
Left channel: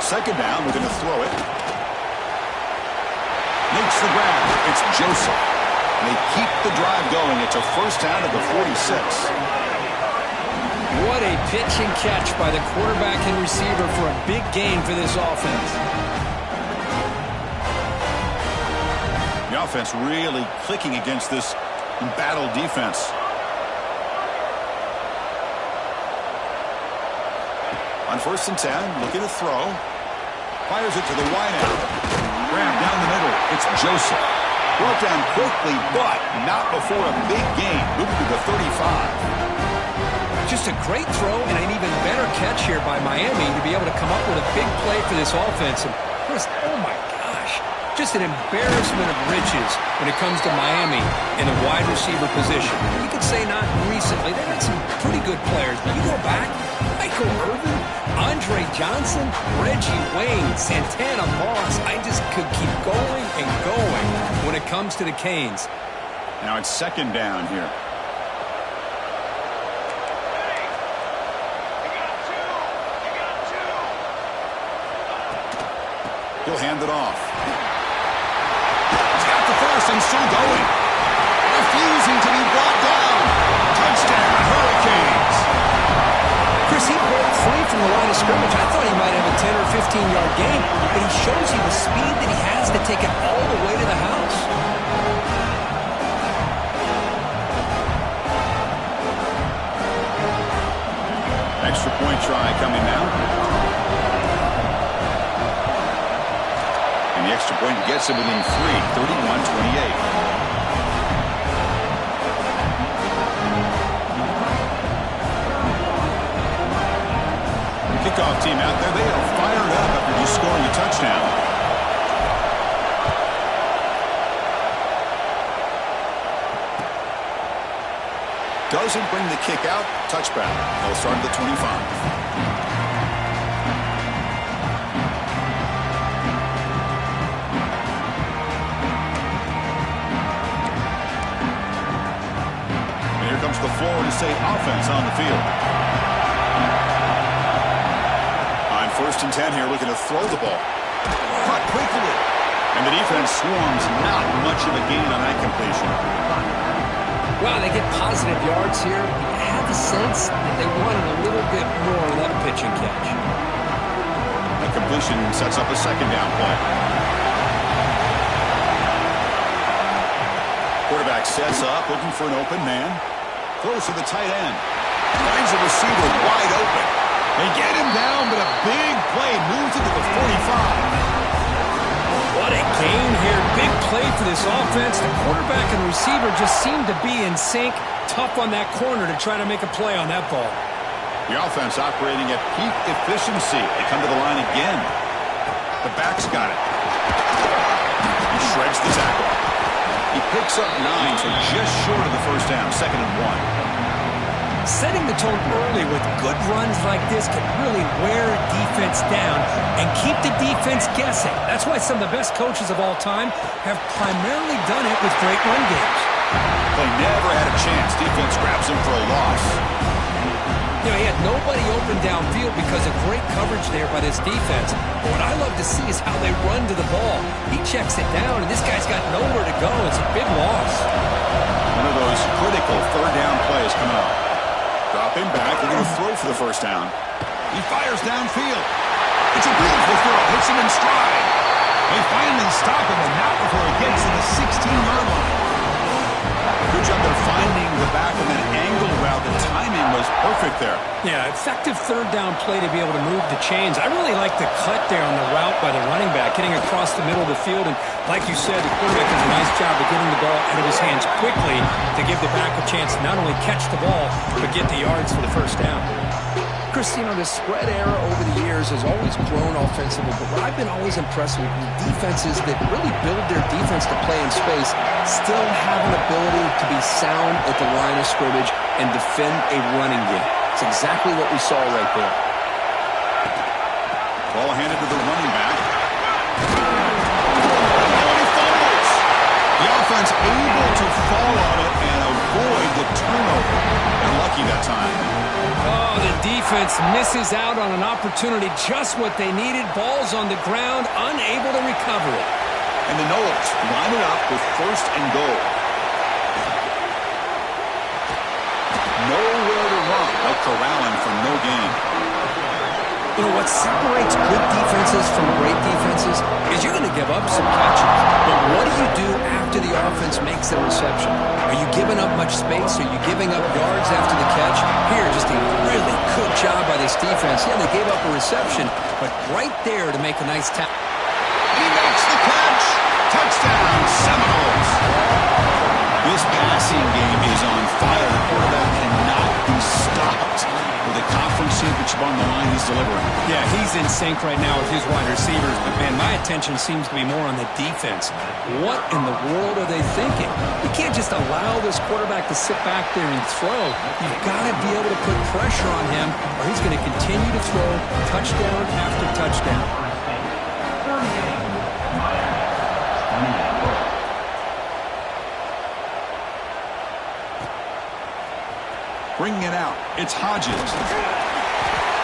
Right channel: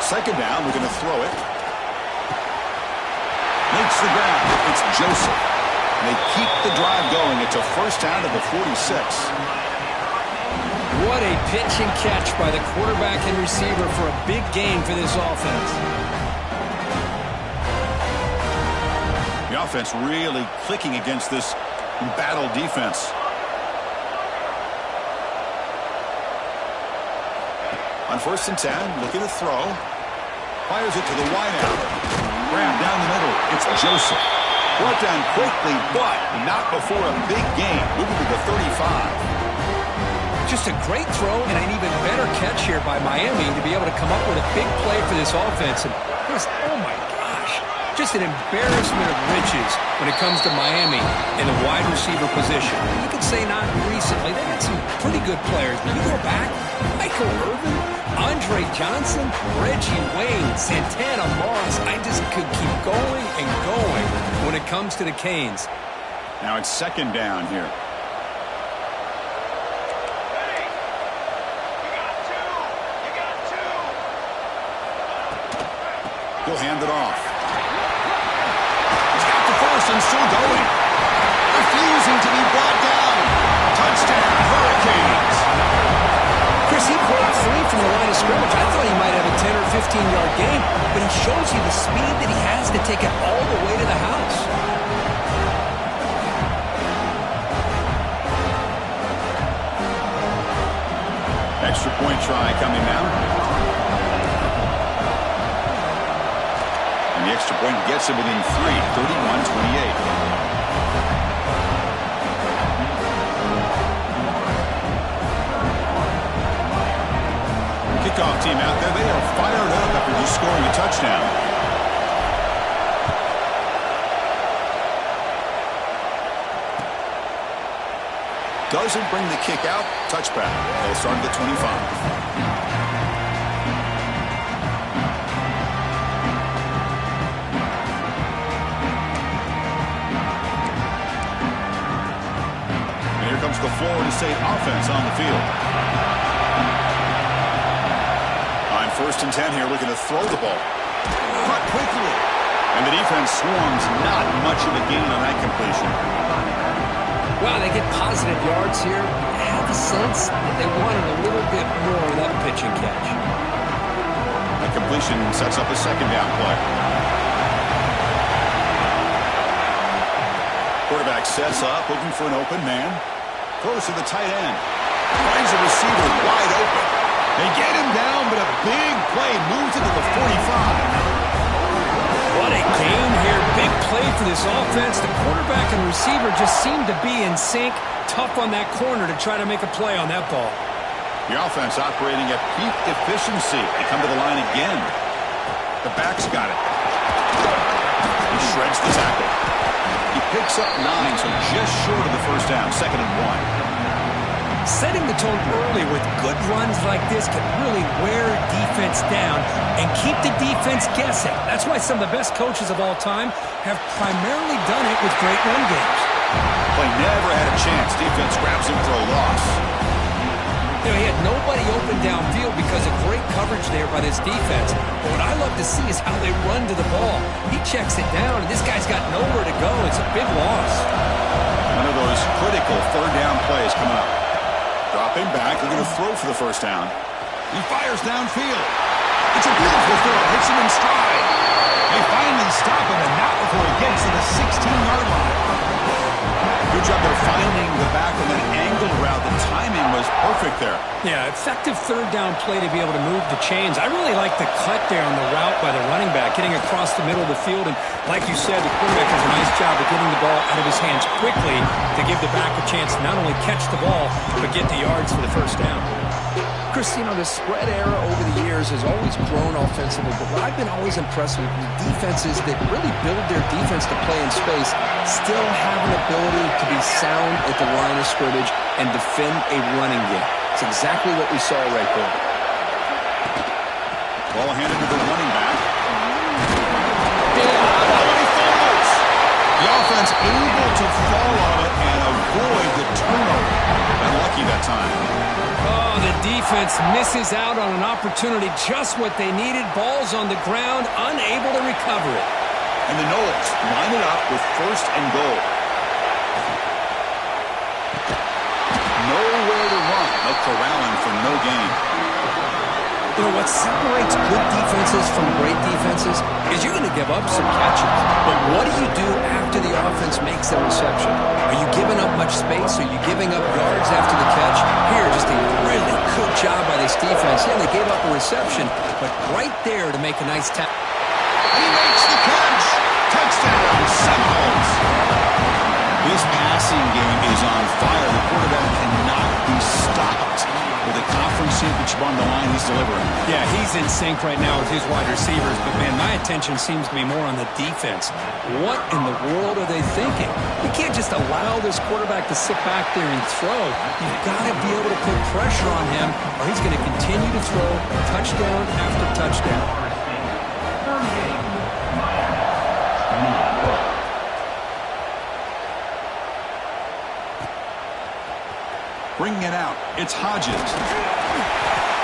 Second down, we're going to throw it. Makes the grab. It's Joseph. They keep the drive going. It's a first down at the 46. What a pitch and catch by the quarterback and receiver for a big gain for this offense. The offense really clicking against this embattled defense. On 1st and 10, looking to throw. Fires it to the wideout. Grab down the middle. It's Joseph. Brought down quickly, but not before a big gain. Moving to the 35. Just a great throw and an even better catch here by Miami to be able to come up with a big play for this offense. And oh my gosh, just an embarrassment of riches when it comes to Miami in the wide receiver position. You could say not recently. They had some pretty good players, but you go back, Michael Irvin, Andre Johnson, Reggie Wayne, Santana Moss. I just could keep going and going when it comes to the Canes. Now it's second down here. He'll hand it off. He's got the first and still going. Refusing to be brought down. Touchdown, Hurricanes. Chris, he broke free from the line of scrimmage. I thought he might have a 10 or 15-yard gain, but he shows you the speed that he has to take it all the way to the house. Extra point try coming now. And the extra point gets it within 3, 31-28. Kickoff team out there, they are fired up after just scoring a touchdown. Doesn't bring the kick out. Touchback. They'll start at the 25. Comes the Florida State offense on the field. On 1st and 10 here, looking to throw the ball. Caught quickly. And the defense swarms. Not much of a gain on that completion. Wow, they get positive yards here. I have the sense that they wanted a little bit more of that pitch and catch. That completion sets up a second down play. Quarterback sets up, looking for an open man. Throws to the tight end. Finds a receiver wide open. They get him down, but a big play moves it to the 45. What a gain here. Big play for this offense. The quarterback and receiver just seem to be in sync. Tough on that corner to try to make a play on that ball. The offense operating at peak efficiency. They come to the line again. The back's got it. He shreds the tackle. He picks up 9, so just short of the first down. 2nd and 1. Setting the tone early with good runs like this can really wear a defense down and keep the defense guessing. That's why some of the best coaches of all time have primarily done it with great run games. Play never had a chance. Defense grabs him for a loss. You know, he had nobody open downfield because of great coverage there by this defense. But what I love to see is how they run to the ball. He checks it down, and this guy's got nowhere to go. It's a big loss. One of those critical 3rd down plays coming up. Dropping back, they're going to throw for the first down. He fires downfield. It's a beautiful throw. Hits him in stride. They finally stop him, and not before he gets to the 16-yard line. Good job there finding the back of an angle route. The timing was perfect there. Yeah, effective 3rd down play to be able to move the chains. I really like the cut there on the route by the running back, getting across the middle of the field. And like you said, the quarterback does a nice job of getting the ball out of his hands quickly to give the back a chance to not only catch the ball, but get the yards for the first down. Chris, you know, the spread era over the years has always grown offensively, but what I've been always impressed with defenses that really build their defense to play in space still have an ability to be sound at the line of scrimmage and defend a running game. It's exactly what we saw right there. Ball handed to the running back. Oh, and he fumbles. The offense able to fall on it and avoid the turnover. Got lucky that time. Oh, the defense misses out on an opportunity, just what they needed. Ball's on the ground, unable to recover it. And the Knowles line it up with 1st and goal. Nowhere to run. They'll corral him for no gain. You know, what separates good defenses from great defenses is you're going to give up some catches. But what do you do after the offense makes the reception? Are you giving up much space? Are you giving up yards after the catch? Here, just a really good job by this defense. Yeah, they gave up a reception, but right there to make a nice tackle. And he makes the catch. Touchdown, Seminoles. This passing game is on fire. The quarterback cannot be stopped. With a conference championship on the line, he's delivering. Yeah, he's in sync right now with his wide receivers. But, man, my attention seems to be more on the defense. What in the world are they thinking? You can't just allow this quarterback to sit back there and throw. You've got to be able to put pressure on him, or he's going to continue to throw touchdown after touchdown. Bringing it out. It's Hodges.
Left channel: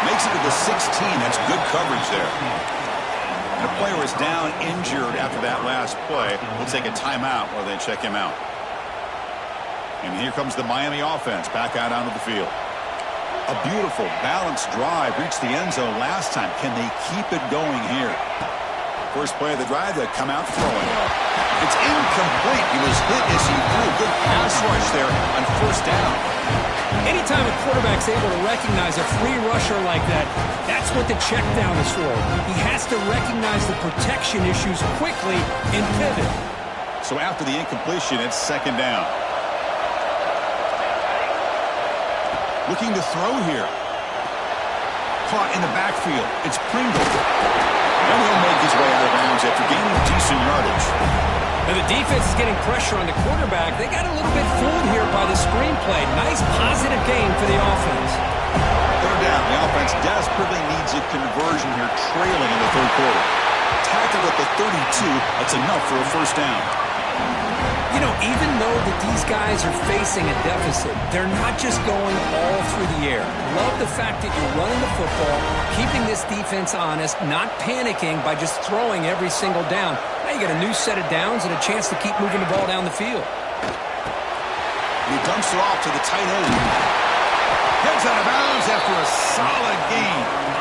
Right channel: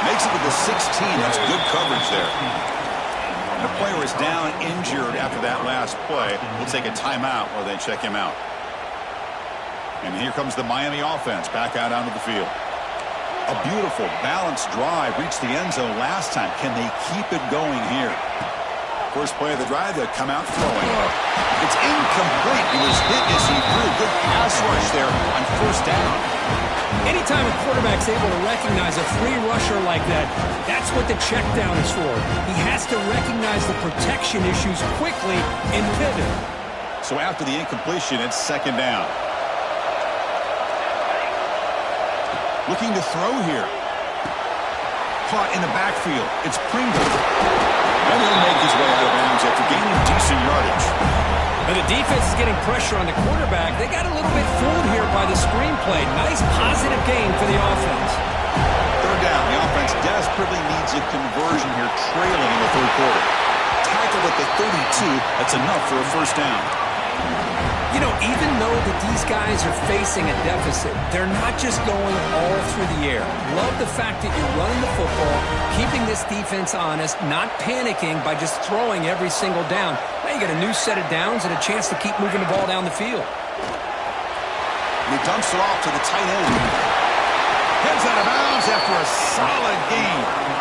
Makes it to the 16. That's good coverage there. And the player is down injured after that last play. We'll take a timeout while they check him out. And here comes the Miami offense back out onto the field. A beautiful, balanced drive reached the end zone last time. Can they keep it going here? First play of the drive, they come out throwing. It's incomplete. He was hit as he threw. Good pass rush there on 1st down. Anytime a quarterback's able to recognize a free rusher like that, that's what the check down is for. He has to recognize the protection issues quickly and pivot. So after the incompletion, it's 2nd down. Looking to throw here. Caught in the backfield. It's Pringle. And he'll make his way out of bounds after gaining decent yardage. Now the defense is getting pressure on the quarterback. They got a little bit fooled here by the screenplay. Nice positive gain for the offense. 3rd down. The offense desperately needs a conversion here, trailing in the 3rd quarter. Tackled at the 32. That's enough for a 1st down. You know, even though that these guys are facing a deficit, they're not just going all through the air. Love the fact that you're running the football, keeping this defense honest, not panicking by just throwing every single down. Now you got a new set of downs and a chance to keep moving the ball down the field. And he dumps it off to the tight end. Heads out of bounds after a solid gain.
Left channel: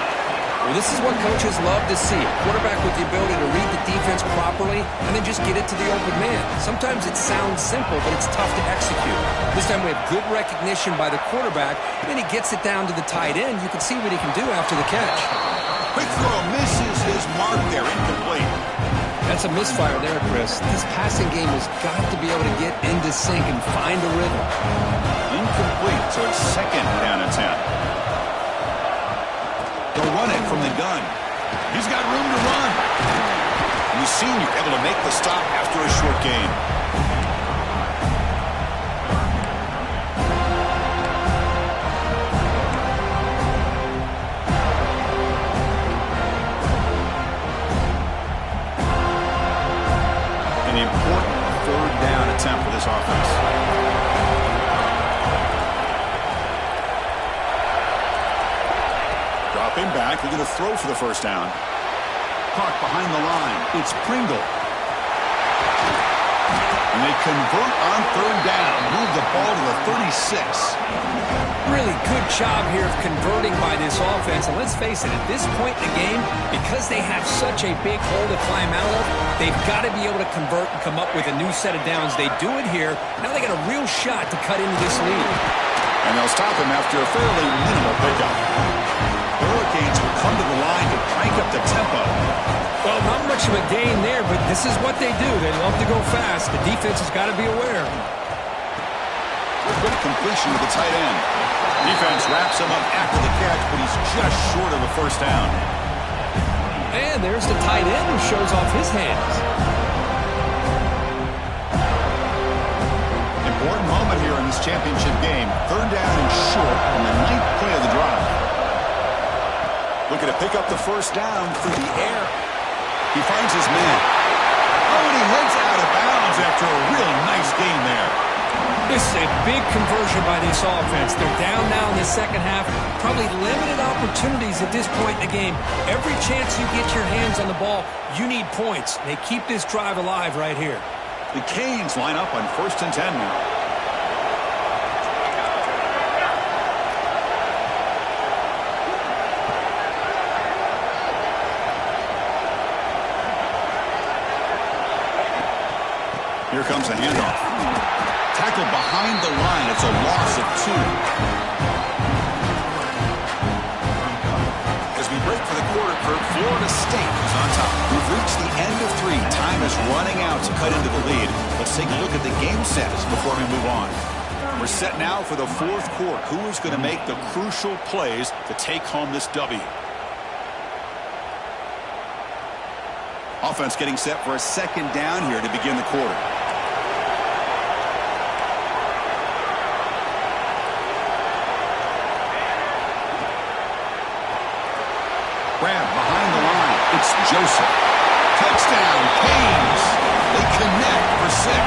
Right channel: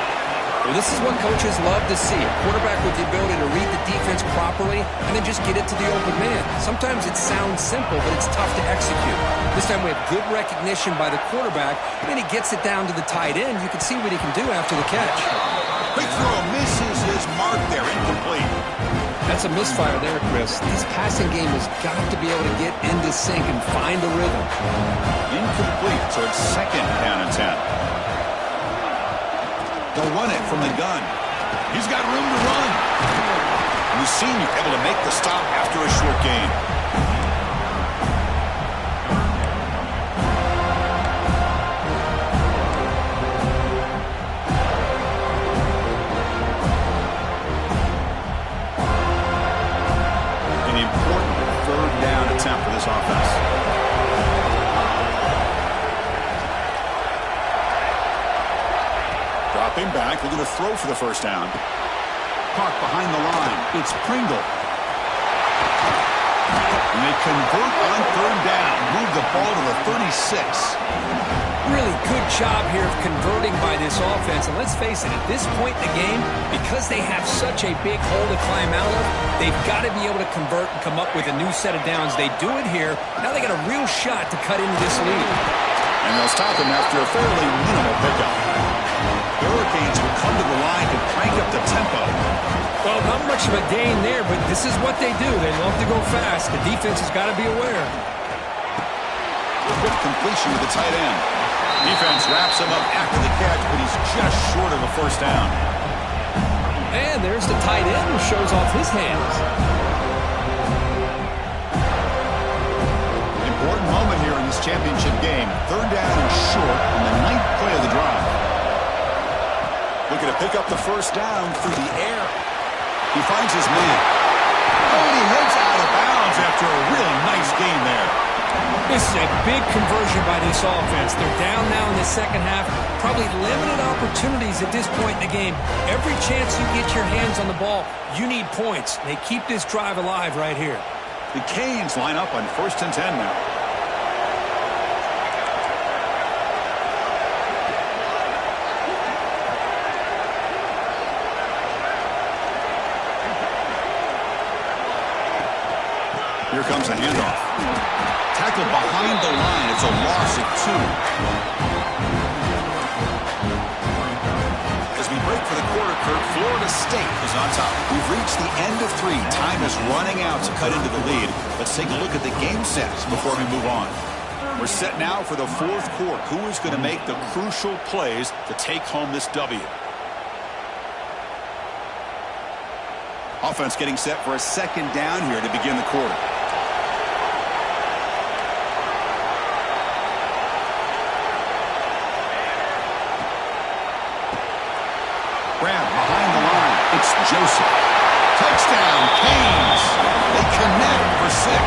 Well, this is what coaches love to see. A quarterback with the ability to read the defense properly and then just get it to the open man. Sometimes it sounds simple, but it's tough to execute. This time we have good recognition by the quarterback, and then he gets it down to the tight end. You can see what he can do after the catch. Quick throw misses his mark there. Incomplete. That's a misfire there, Chris. This passing game has got to be able to get into sync and find a rhythm. Incomplete, so it's 2nd down and 10. They'll run it from the gun. He's got room to run. And the senior able to make the stop after a short gain. An important third down attempt for this offense. Dropping back, looking to throw for the first down. Caught behind the line. It's Pringle. And they convert on third down. Move the ball to the 36. Really good job here of converting by this offense. And let's face it, at this point in the game, because they have such a big hole to climb out of, they've got to be able to convert and come up with a new set of downs. They do it here. Now they got a real shot to cut into this lead. And they'll stop him after a fairly minimal pickup. The Hurricanes will come to the line to crank up the tempo. Well, not much of a gain there, but this is what they do. They love to go fast. The defense has got to be aware. Quick completion to the tight end. Defense wraps him up after the catch, but he's just short of a first down. And there's the tight end who shows off his hands. Important moment here in this championship game. Third down and short on the 9th play of the drive. Looking to pick up the first down through the air. He finds his man. Oh, and he heads out of bounds after a really nice gain there. This is a big conversion by this offense. They're down now in the second half. Probably limited opportunities at this point in the game. Every chance you get your hands on the ball, you need points. They keep this drive alive right here. The Canes line up on 1st and 10 now. Here comes the handoff. Tackled behind the line. It's a loss of 2. As we break for the quarter, Kirk, Florida State is on top. We've reached the end of 3. Time is running out to cut into the lead. Let's take a look at the game sets before we move on. We're set now for the 4th quarter. Who is going to make the crucial plays to take home this W? Offense getting set for a second down here to begin the quarter. Grab behind the line. It's Joseph. Touchdown, Canes. They connect for 6.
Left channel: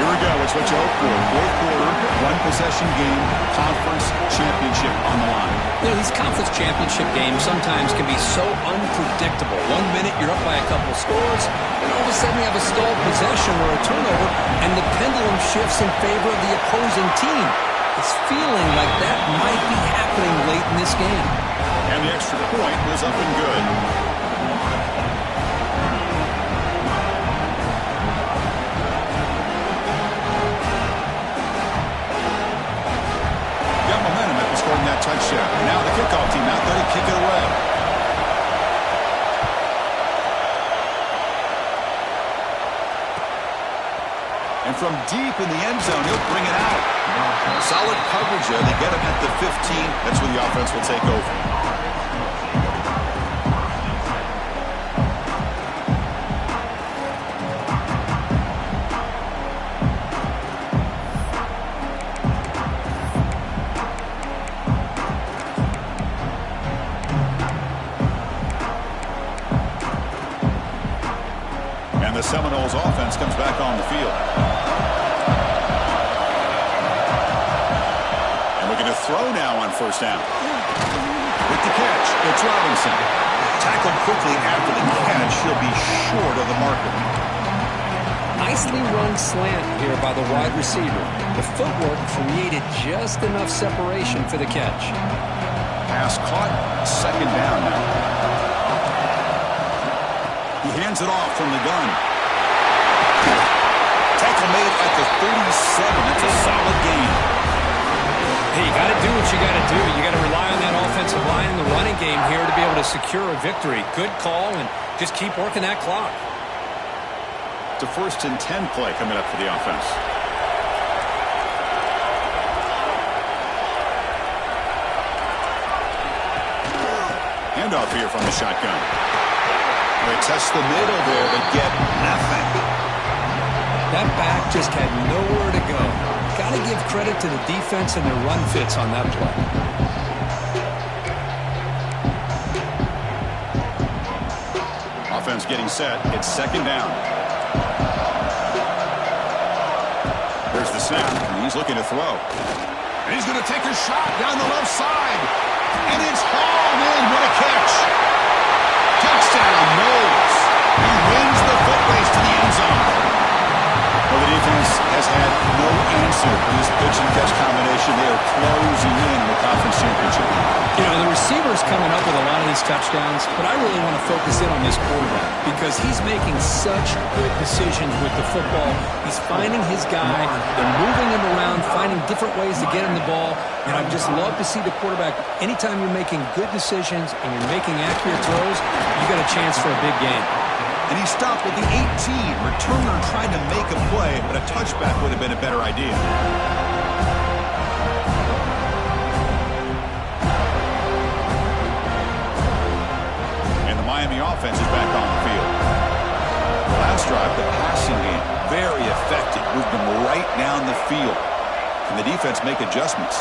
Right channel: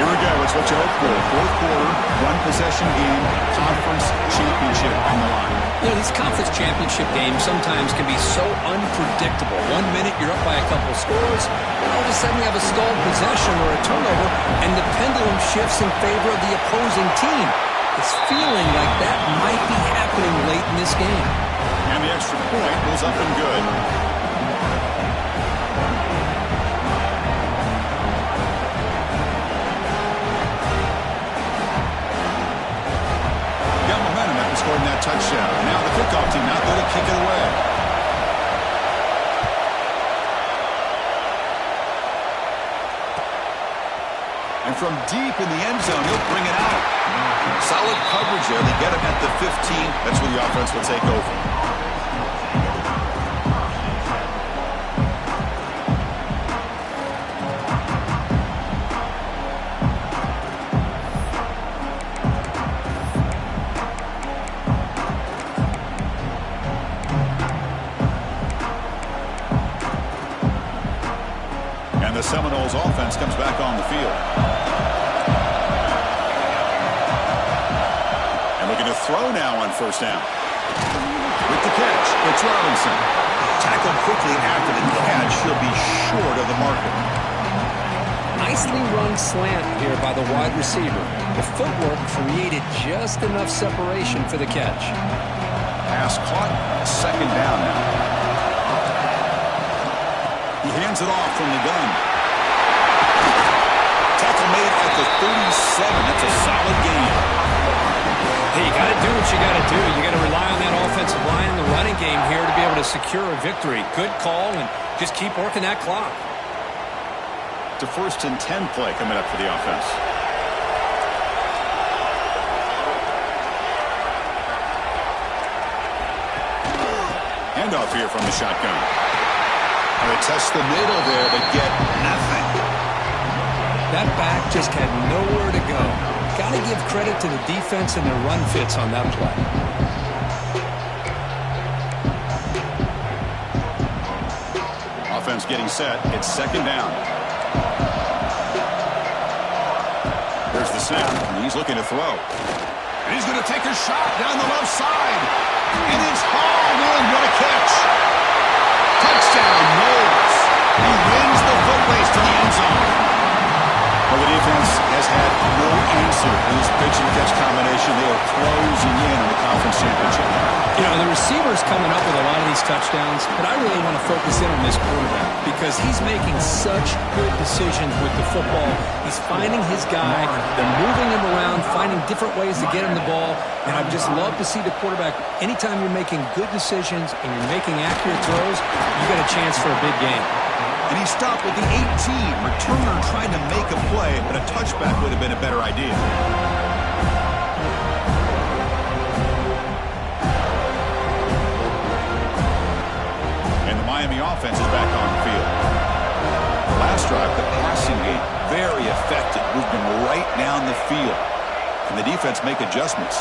Here we go. It's what you hope for. 4th quarter, 1-possession game, conference championship on the line. You know, these conference championship games sometimes can be so unpredictable. 1 minute you're up by a couple scores, then all of a sudden you have a stalled possession or a turnover, and the pendulum shifts in favor of the opposing team. It's feeling like that might be happening late in this game. And the extra point was up and good. Got momentum after scoring that touchdown. Now the kickoff team out there to kick it away. And from deep in the end zone, he'll bring it out. Solid coverage there. They get him at the 15. That's where the offense will take over. The Seminoles offense comes back on the field. And looking to throw now on first down. With the catch, it's Robinson. Tackled quickly after the catch. He'll be short of the marker. Nicely run slant here by the wide receiver. The footwork created just enough separation for the catch. Pass caught. Second down now. He hands it off from the gun. Tackle made at the 37. That's a solid gain. Hey, you got to do what you got to do. You got to rely on that offensive line and the running game here to be able to secure a victory. Good call, and just keep working that clock. It's a 1st and 10 play coming up for the offense. handoff here from the shotgun. They test the middle there, but get nothing. That back just had nowhere to go. Got to give credit to the defense and their run fits on that play. Offense getting set. It's second down. There's the snap, and he's looking to throw. And he's going to take a shot down the left side. And it's hauled in. What a catch. Touchdown, Knowles. He wins the foot race to the end zone. Well, the defense has had no answer for this pitch and catch combination. They are closing in on the conference championship. You know, the receiver's coming up with a lot of these touchdowns, but I really want to focus in on this quarterback because he's making such good decisions with the football. He's finding his guy. They're moving him around, finding different ways to get him the ball, and I just love to see the quarterback. Anytime you're making good decisions and you're making accurate throws, you got a chance for a big game. And he stopped at the 18. Returner tried to make a play, but a touchback would have been a better idea. And the Miami offense is back on the field. The last drive, the passing game, very effective. Moved them right down the field. Can the defense make adjustments?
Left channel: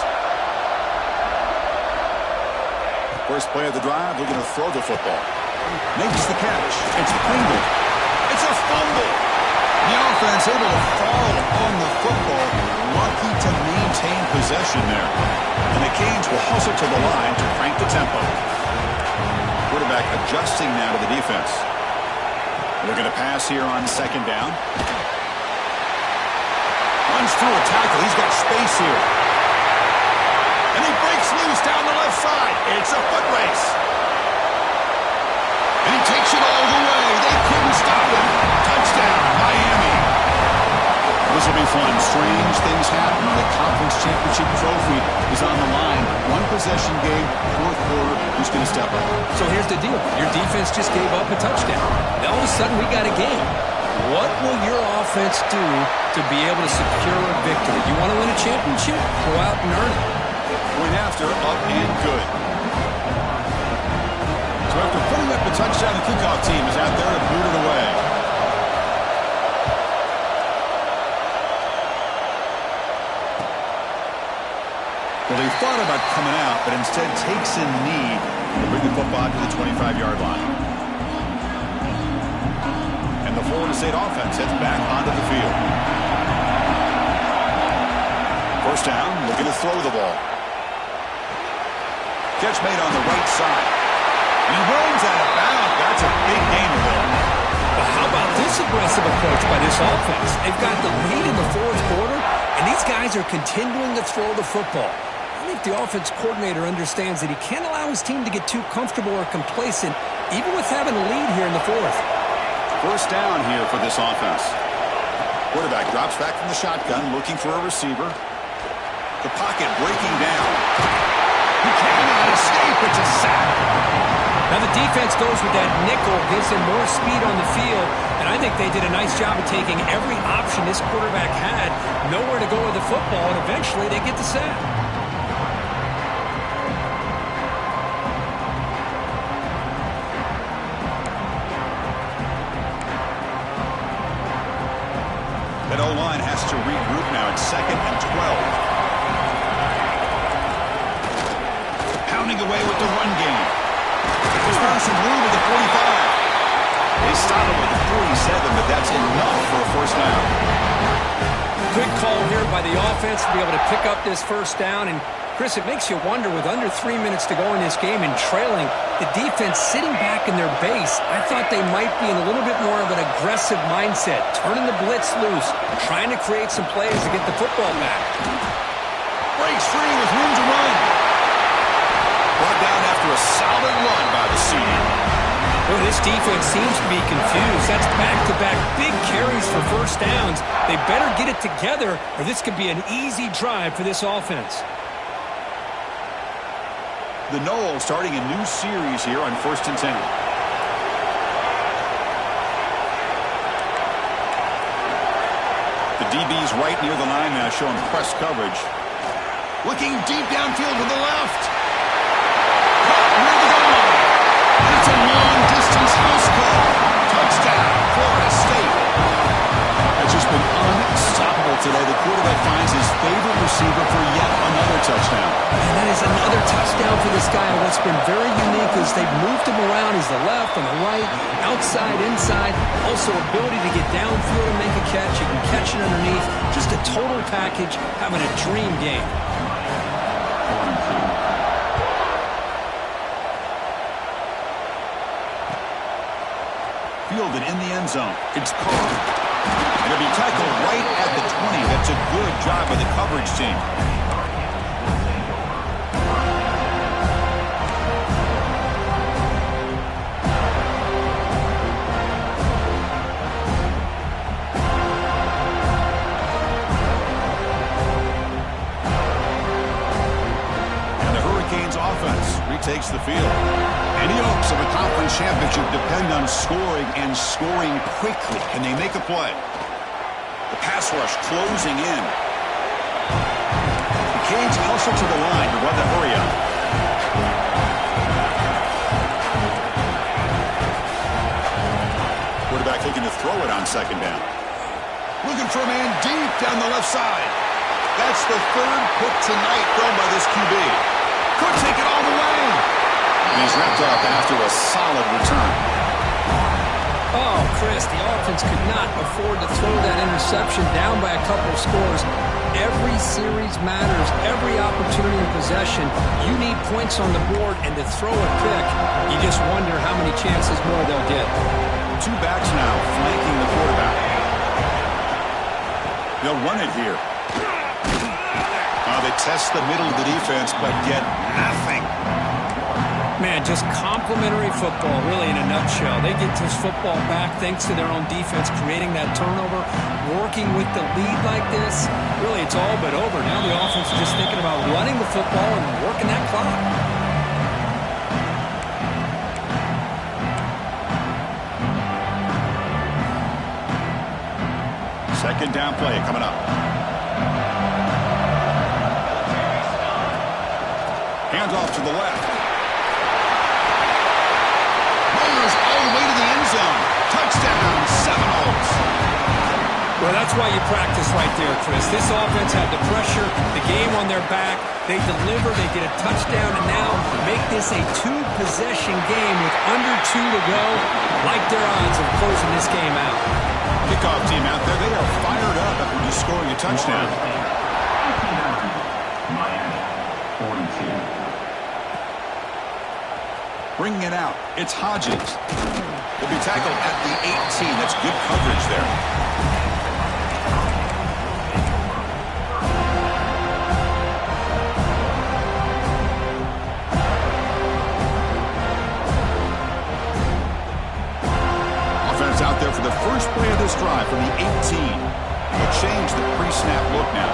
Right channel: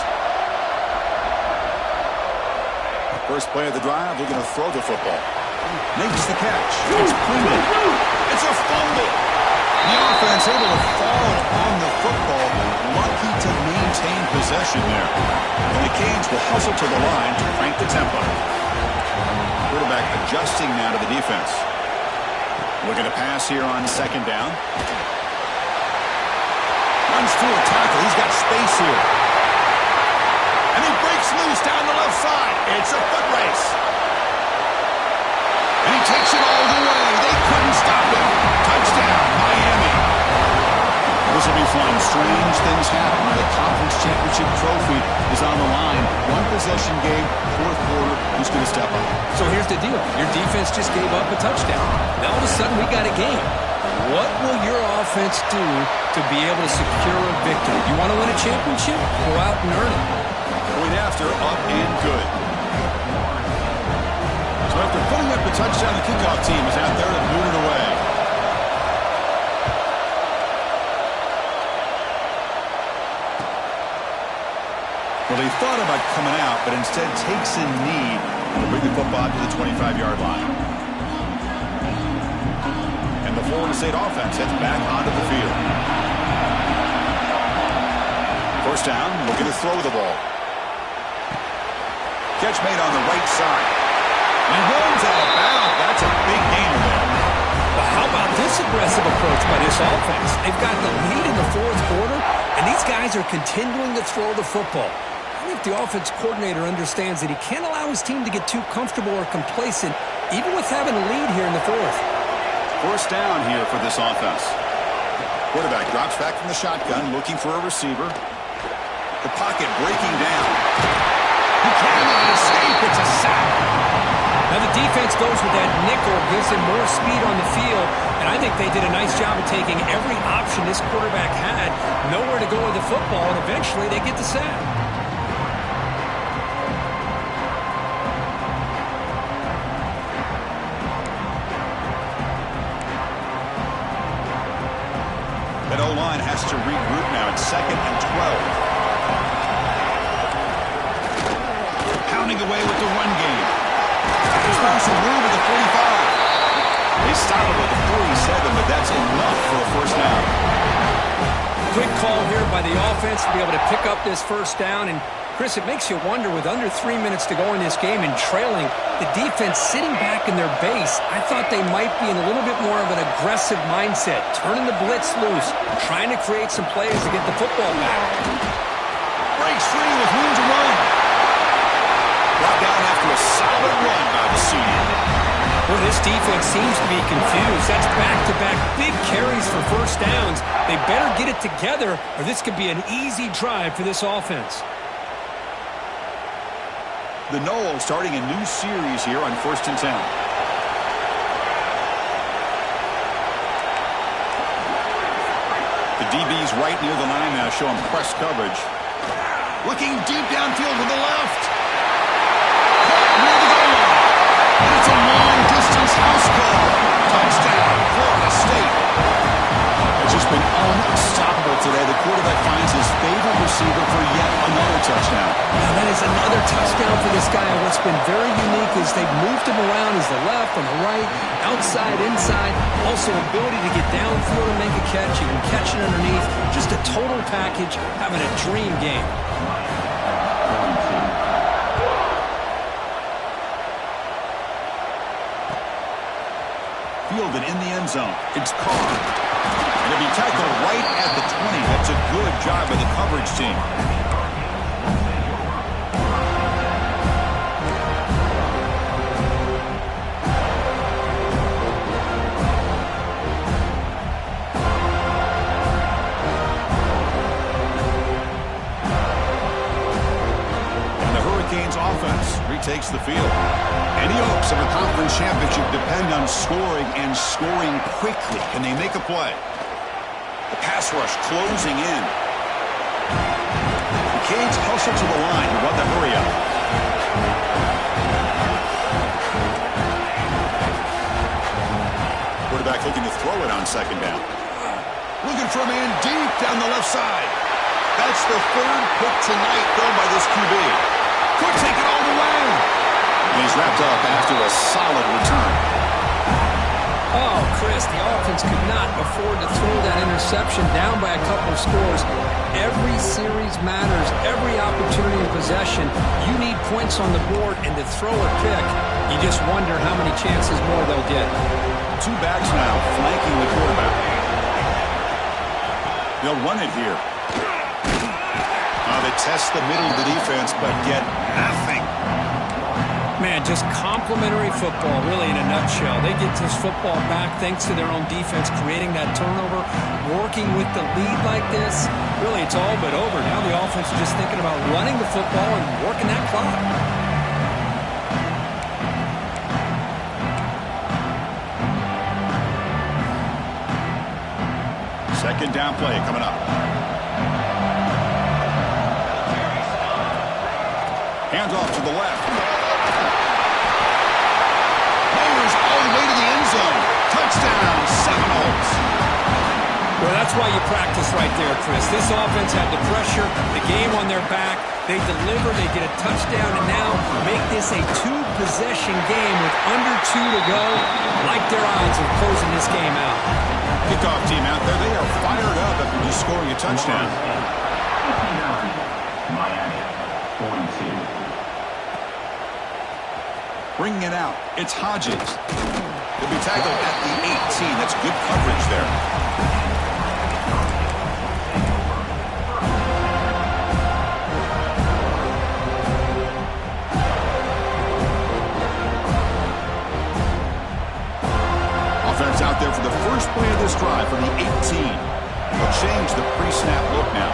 First play of the drive, looking to throw the football. Makes the catch. It's Pringle. It's a fumble. The offense able to fall on the football. Lucky to maintain possession there. And the Canes will hustle to the line to crank the tempo. Quarterback adjusting now to the defense. Looking to pass here on second down. Runs through a tackle. He's got space here. And he breaks loose down the left side. It's a foot race. And he takes it all the way. They couldn't stop him. Touchdown, Miami. This will be fun. Strange things happen. The conference championship trophy is on the line. One possession game, fourth quarter. Who's going to step up? So here's the deal. Your defense just gave up a touchdown. Now all of a sudden we got a game. What will your offense do to be able to secure a victory? You want to win a championship? Go out and earn it. Point after, up and good. So after putting up the touchdown, the kickoff team is out there to boot it away. Well, he thought about coming out, but instead takes a knee to bring the football to the 25-yard line. And the Florida State offense heads back onto the field. First down, looking to throw the ball. Catch made on the right side. And he runs out of bounds. That's a big gainer there. Well, how about this aggressive approach by this offense? They've got the lead in the fourth quarter, and these guys are continuing to throw the football. I think the offense coordinator understands that he can't allow his team to get too comfortable or complacent, even with having a lead here in the fourth. First down here for this offense. Quarterback drops back from the shotgun, looking for a receiver. The pocket breaking down. He cannot escape. It's a sack. Now the defense goes with that nickel, gives him more speed on the field, and I think they did a nice job of taking every option this quarterback had, nowhere to go with the football, and eventually they get the sack. That O-line has to regroup now. It's 2nd and 12. Pounding away with the run game. There's now some room at the 45. They stop it with the 47, but that's enough for a first down. Good call here by the offense to be able to pick up this first down. And, Chris, it makes you wonder, with under 3 minutes to go in this game and trailing, the defense sitting back in their base, I thought they might be in a little bit more of an aggressive mindset, turning the blitz loose, trying to create some plays to get the football back. Breaks free with room to run. Brought down after a solid run by the senior. Well, this defense seems to be confused. That's back-to-back big carries for first downs. They better get it together, or this could be an easy drive for this offense. The Knowles starting a new series here on 1st and 10. The DB's right near the line now, showing press coverage. Looking deep downfield to the left. Caught near the goal line. And it's a long-distance house call. Touchdown, Florida State. It's just been unstoppable today. The quarterback finds his favorite receiver for yet another touchdown. And that is another touchdown for this guy. And what's been very unique is they've moved him around. He's the left, on the right, outside, inside. Also ability to get downfield and make a catch. He can catch it underneath. Just a total package, having a dream game. Fielded in the end zone. It's Carr. And it'll be tackled right at the 20. That's a good job by the coverage team. And the Hurricanes offense retakes the field. Any hopes of a conference championship depend on scoring and scoring quickly. Can they make a play? The pass rush closing in. The Canes hustle to the line to run the hurry up. Quarterback looking to throw it on second down. Looking for a man deep down the left side. That's the third pick tonight thrown by this QB. Could take it all the way. And he's wrapped up after a solid return. Oh, Chris, the offense could not afford to throw that interception down by a couple of scores. Every series matters. Every opportunity in possession. You need points on the board, and to throw a pick, you just wonder how many chances more they'll get. Two backs now flanking the quarterback. They'll run it here. They test the middle of the defense, but get nothing. Man, just complimentary football, really, in a nutshell. They get this football back thanks to their own defense, creating that turnover, working with the lead like this. Really, it's all but over. Now the offense is just thinking about running the football and working that clock. Second down play coming up. Hands off to the left. Rollers all the way to the end zone. Touchdown, Seminoles. Well, that's why you practice right there, Chris. This offense had the pressure, the game on their back. They deliver, they get a touchdown, and now make this a two-possession game with under 2 to go. Like their odds of closing this game out. Kickoff team out there, they are fired up after just scoring a touchdown. Miami, 42. Bringing it out, it's Hodges. He'll be tackled at the 18. That's good coverage there. Offense out there for the first play of this drive from the 18. They'll change the pre-snap look now.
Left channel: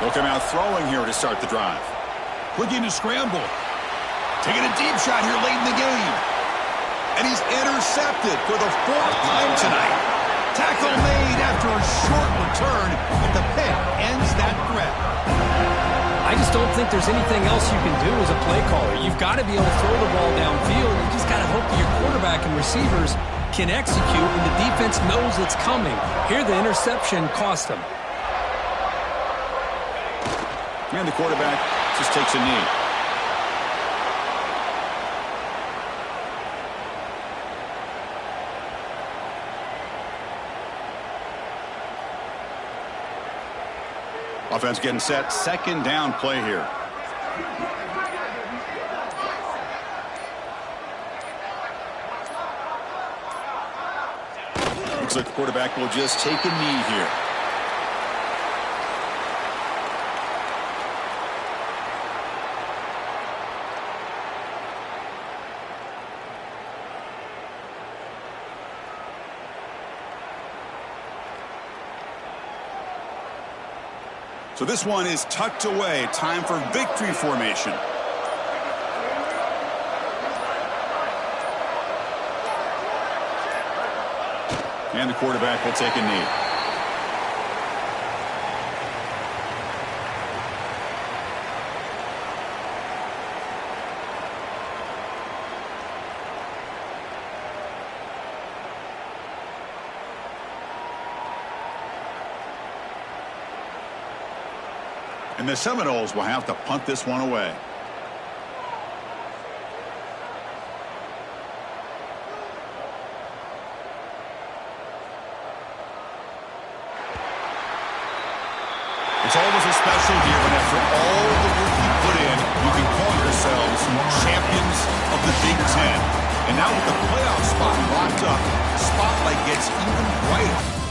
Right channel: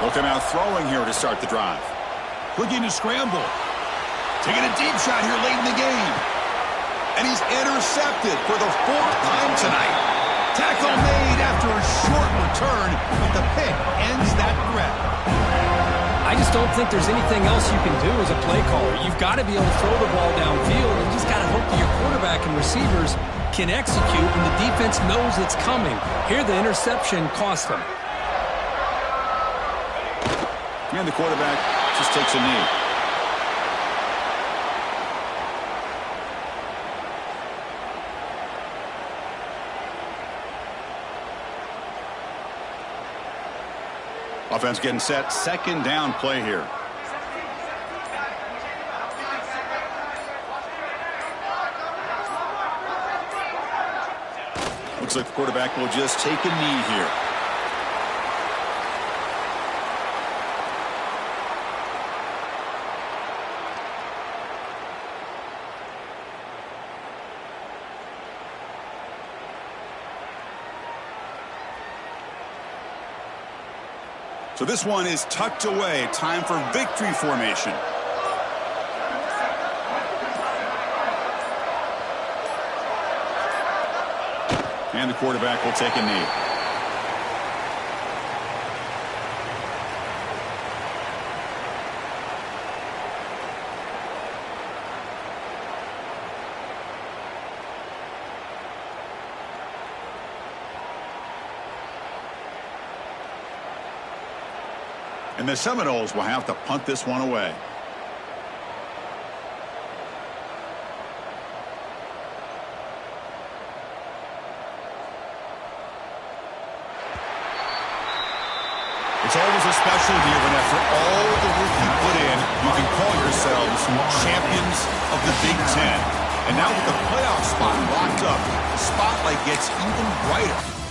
They'll come out throwing here to start the drive. Looking to scramble. Taking a deep shot here late in the game. And he's intercepted for the 4th time tonight. Tackle made after a short return, but the pick ends that threat. I just don't think there's anything else you can do as a play caller. You've got to be able to throw the ball downfield. You just got to hope that your quarterback and receivers can execute when the defense knows it's coming. Here, the interception cost them. And the quarterback just takes a knee. Offense getting set. Second down play here. Looks like the quarterback will just take a knee here. So this one is tucked away. Time for victory formation. And the quarterback will take a knee. And the Seminoles will have to punt this one away. It's always a special year when after all the work you put in, you can call yourselves champions of the Big Ten. And now with the playoff spot locked up, the spotlight gets even brighter.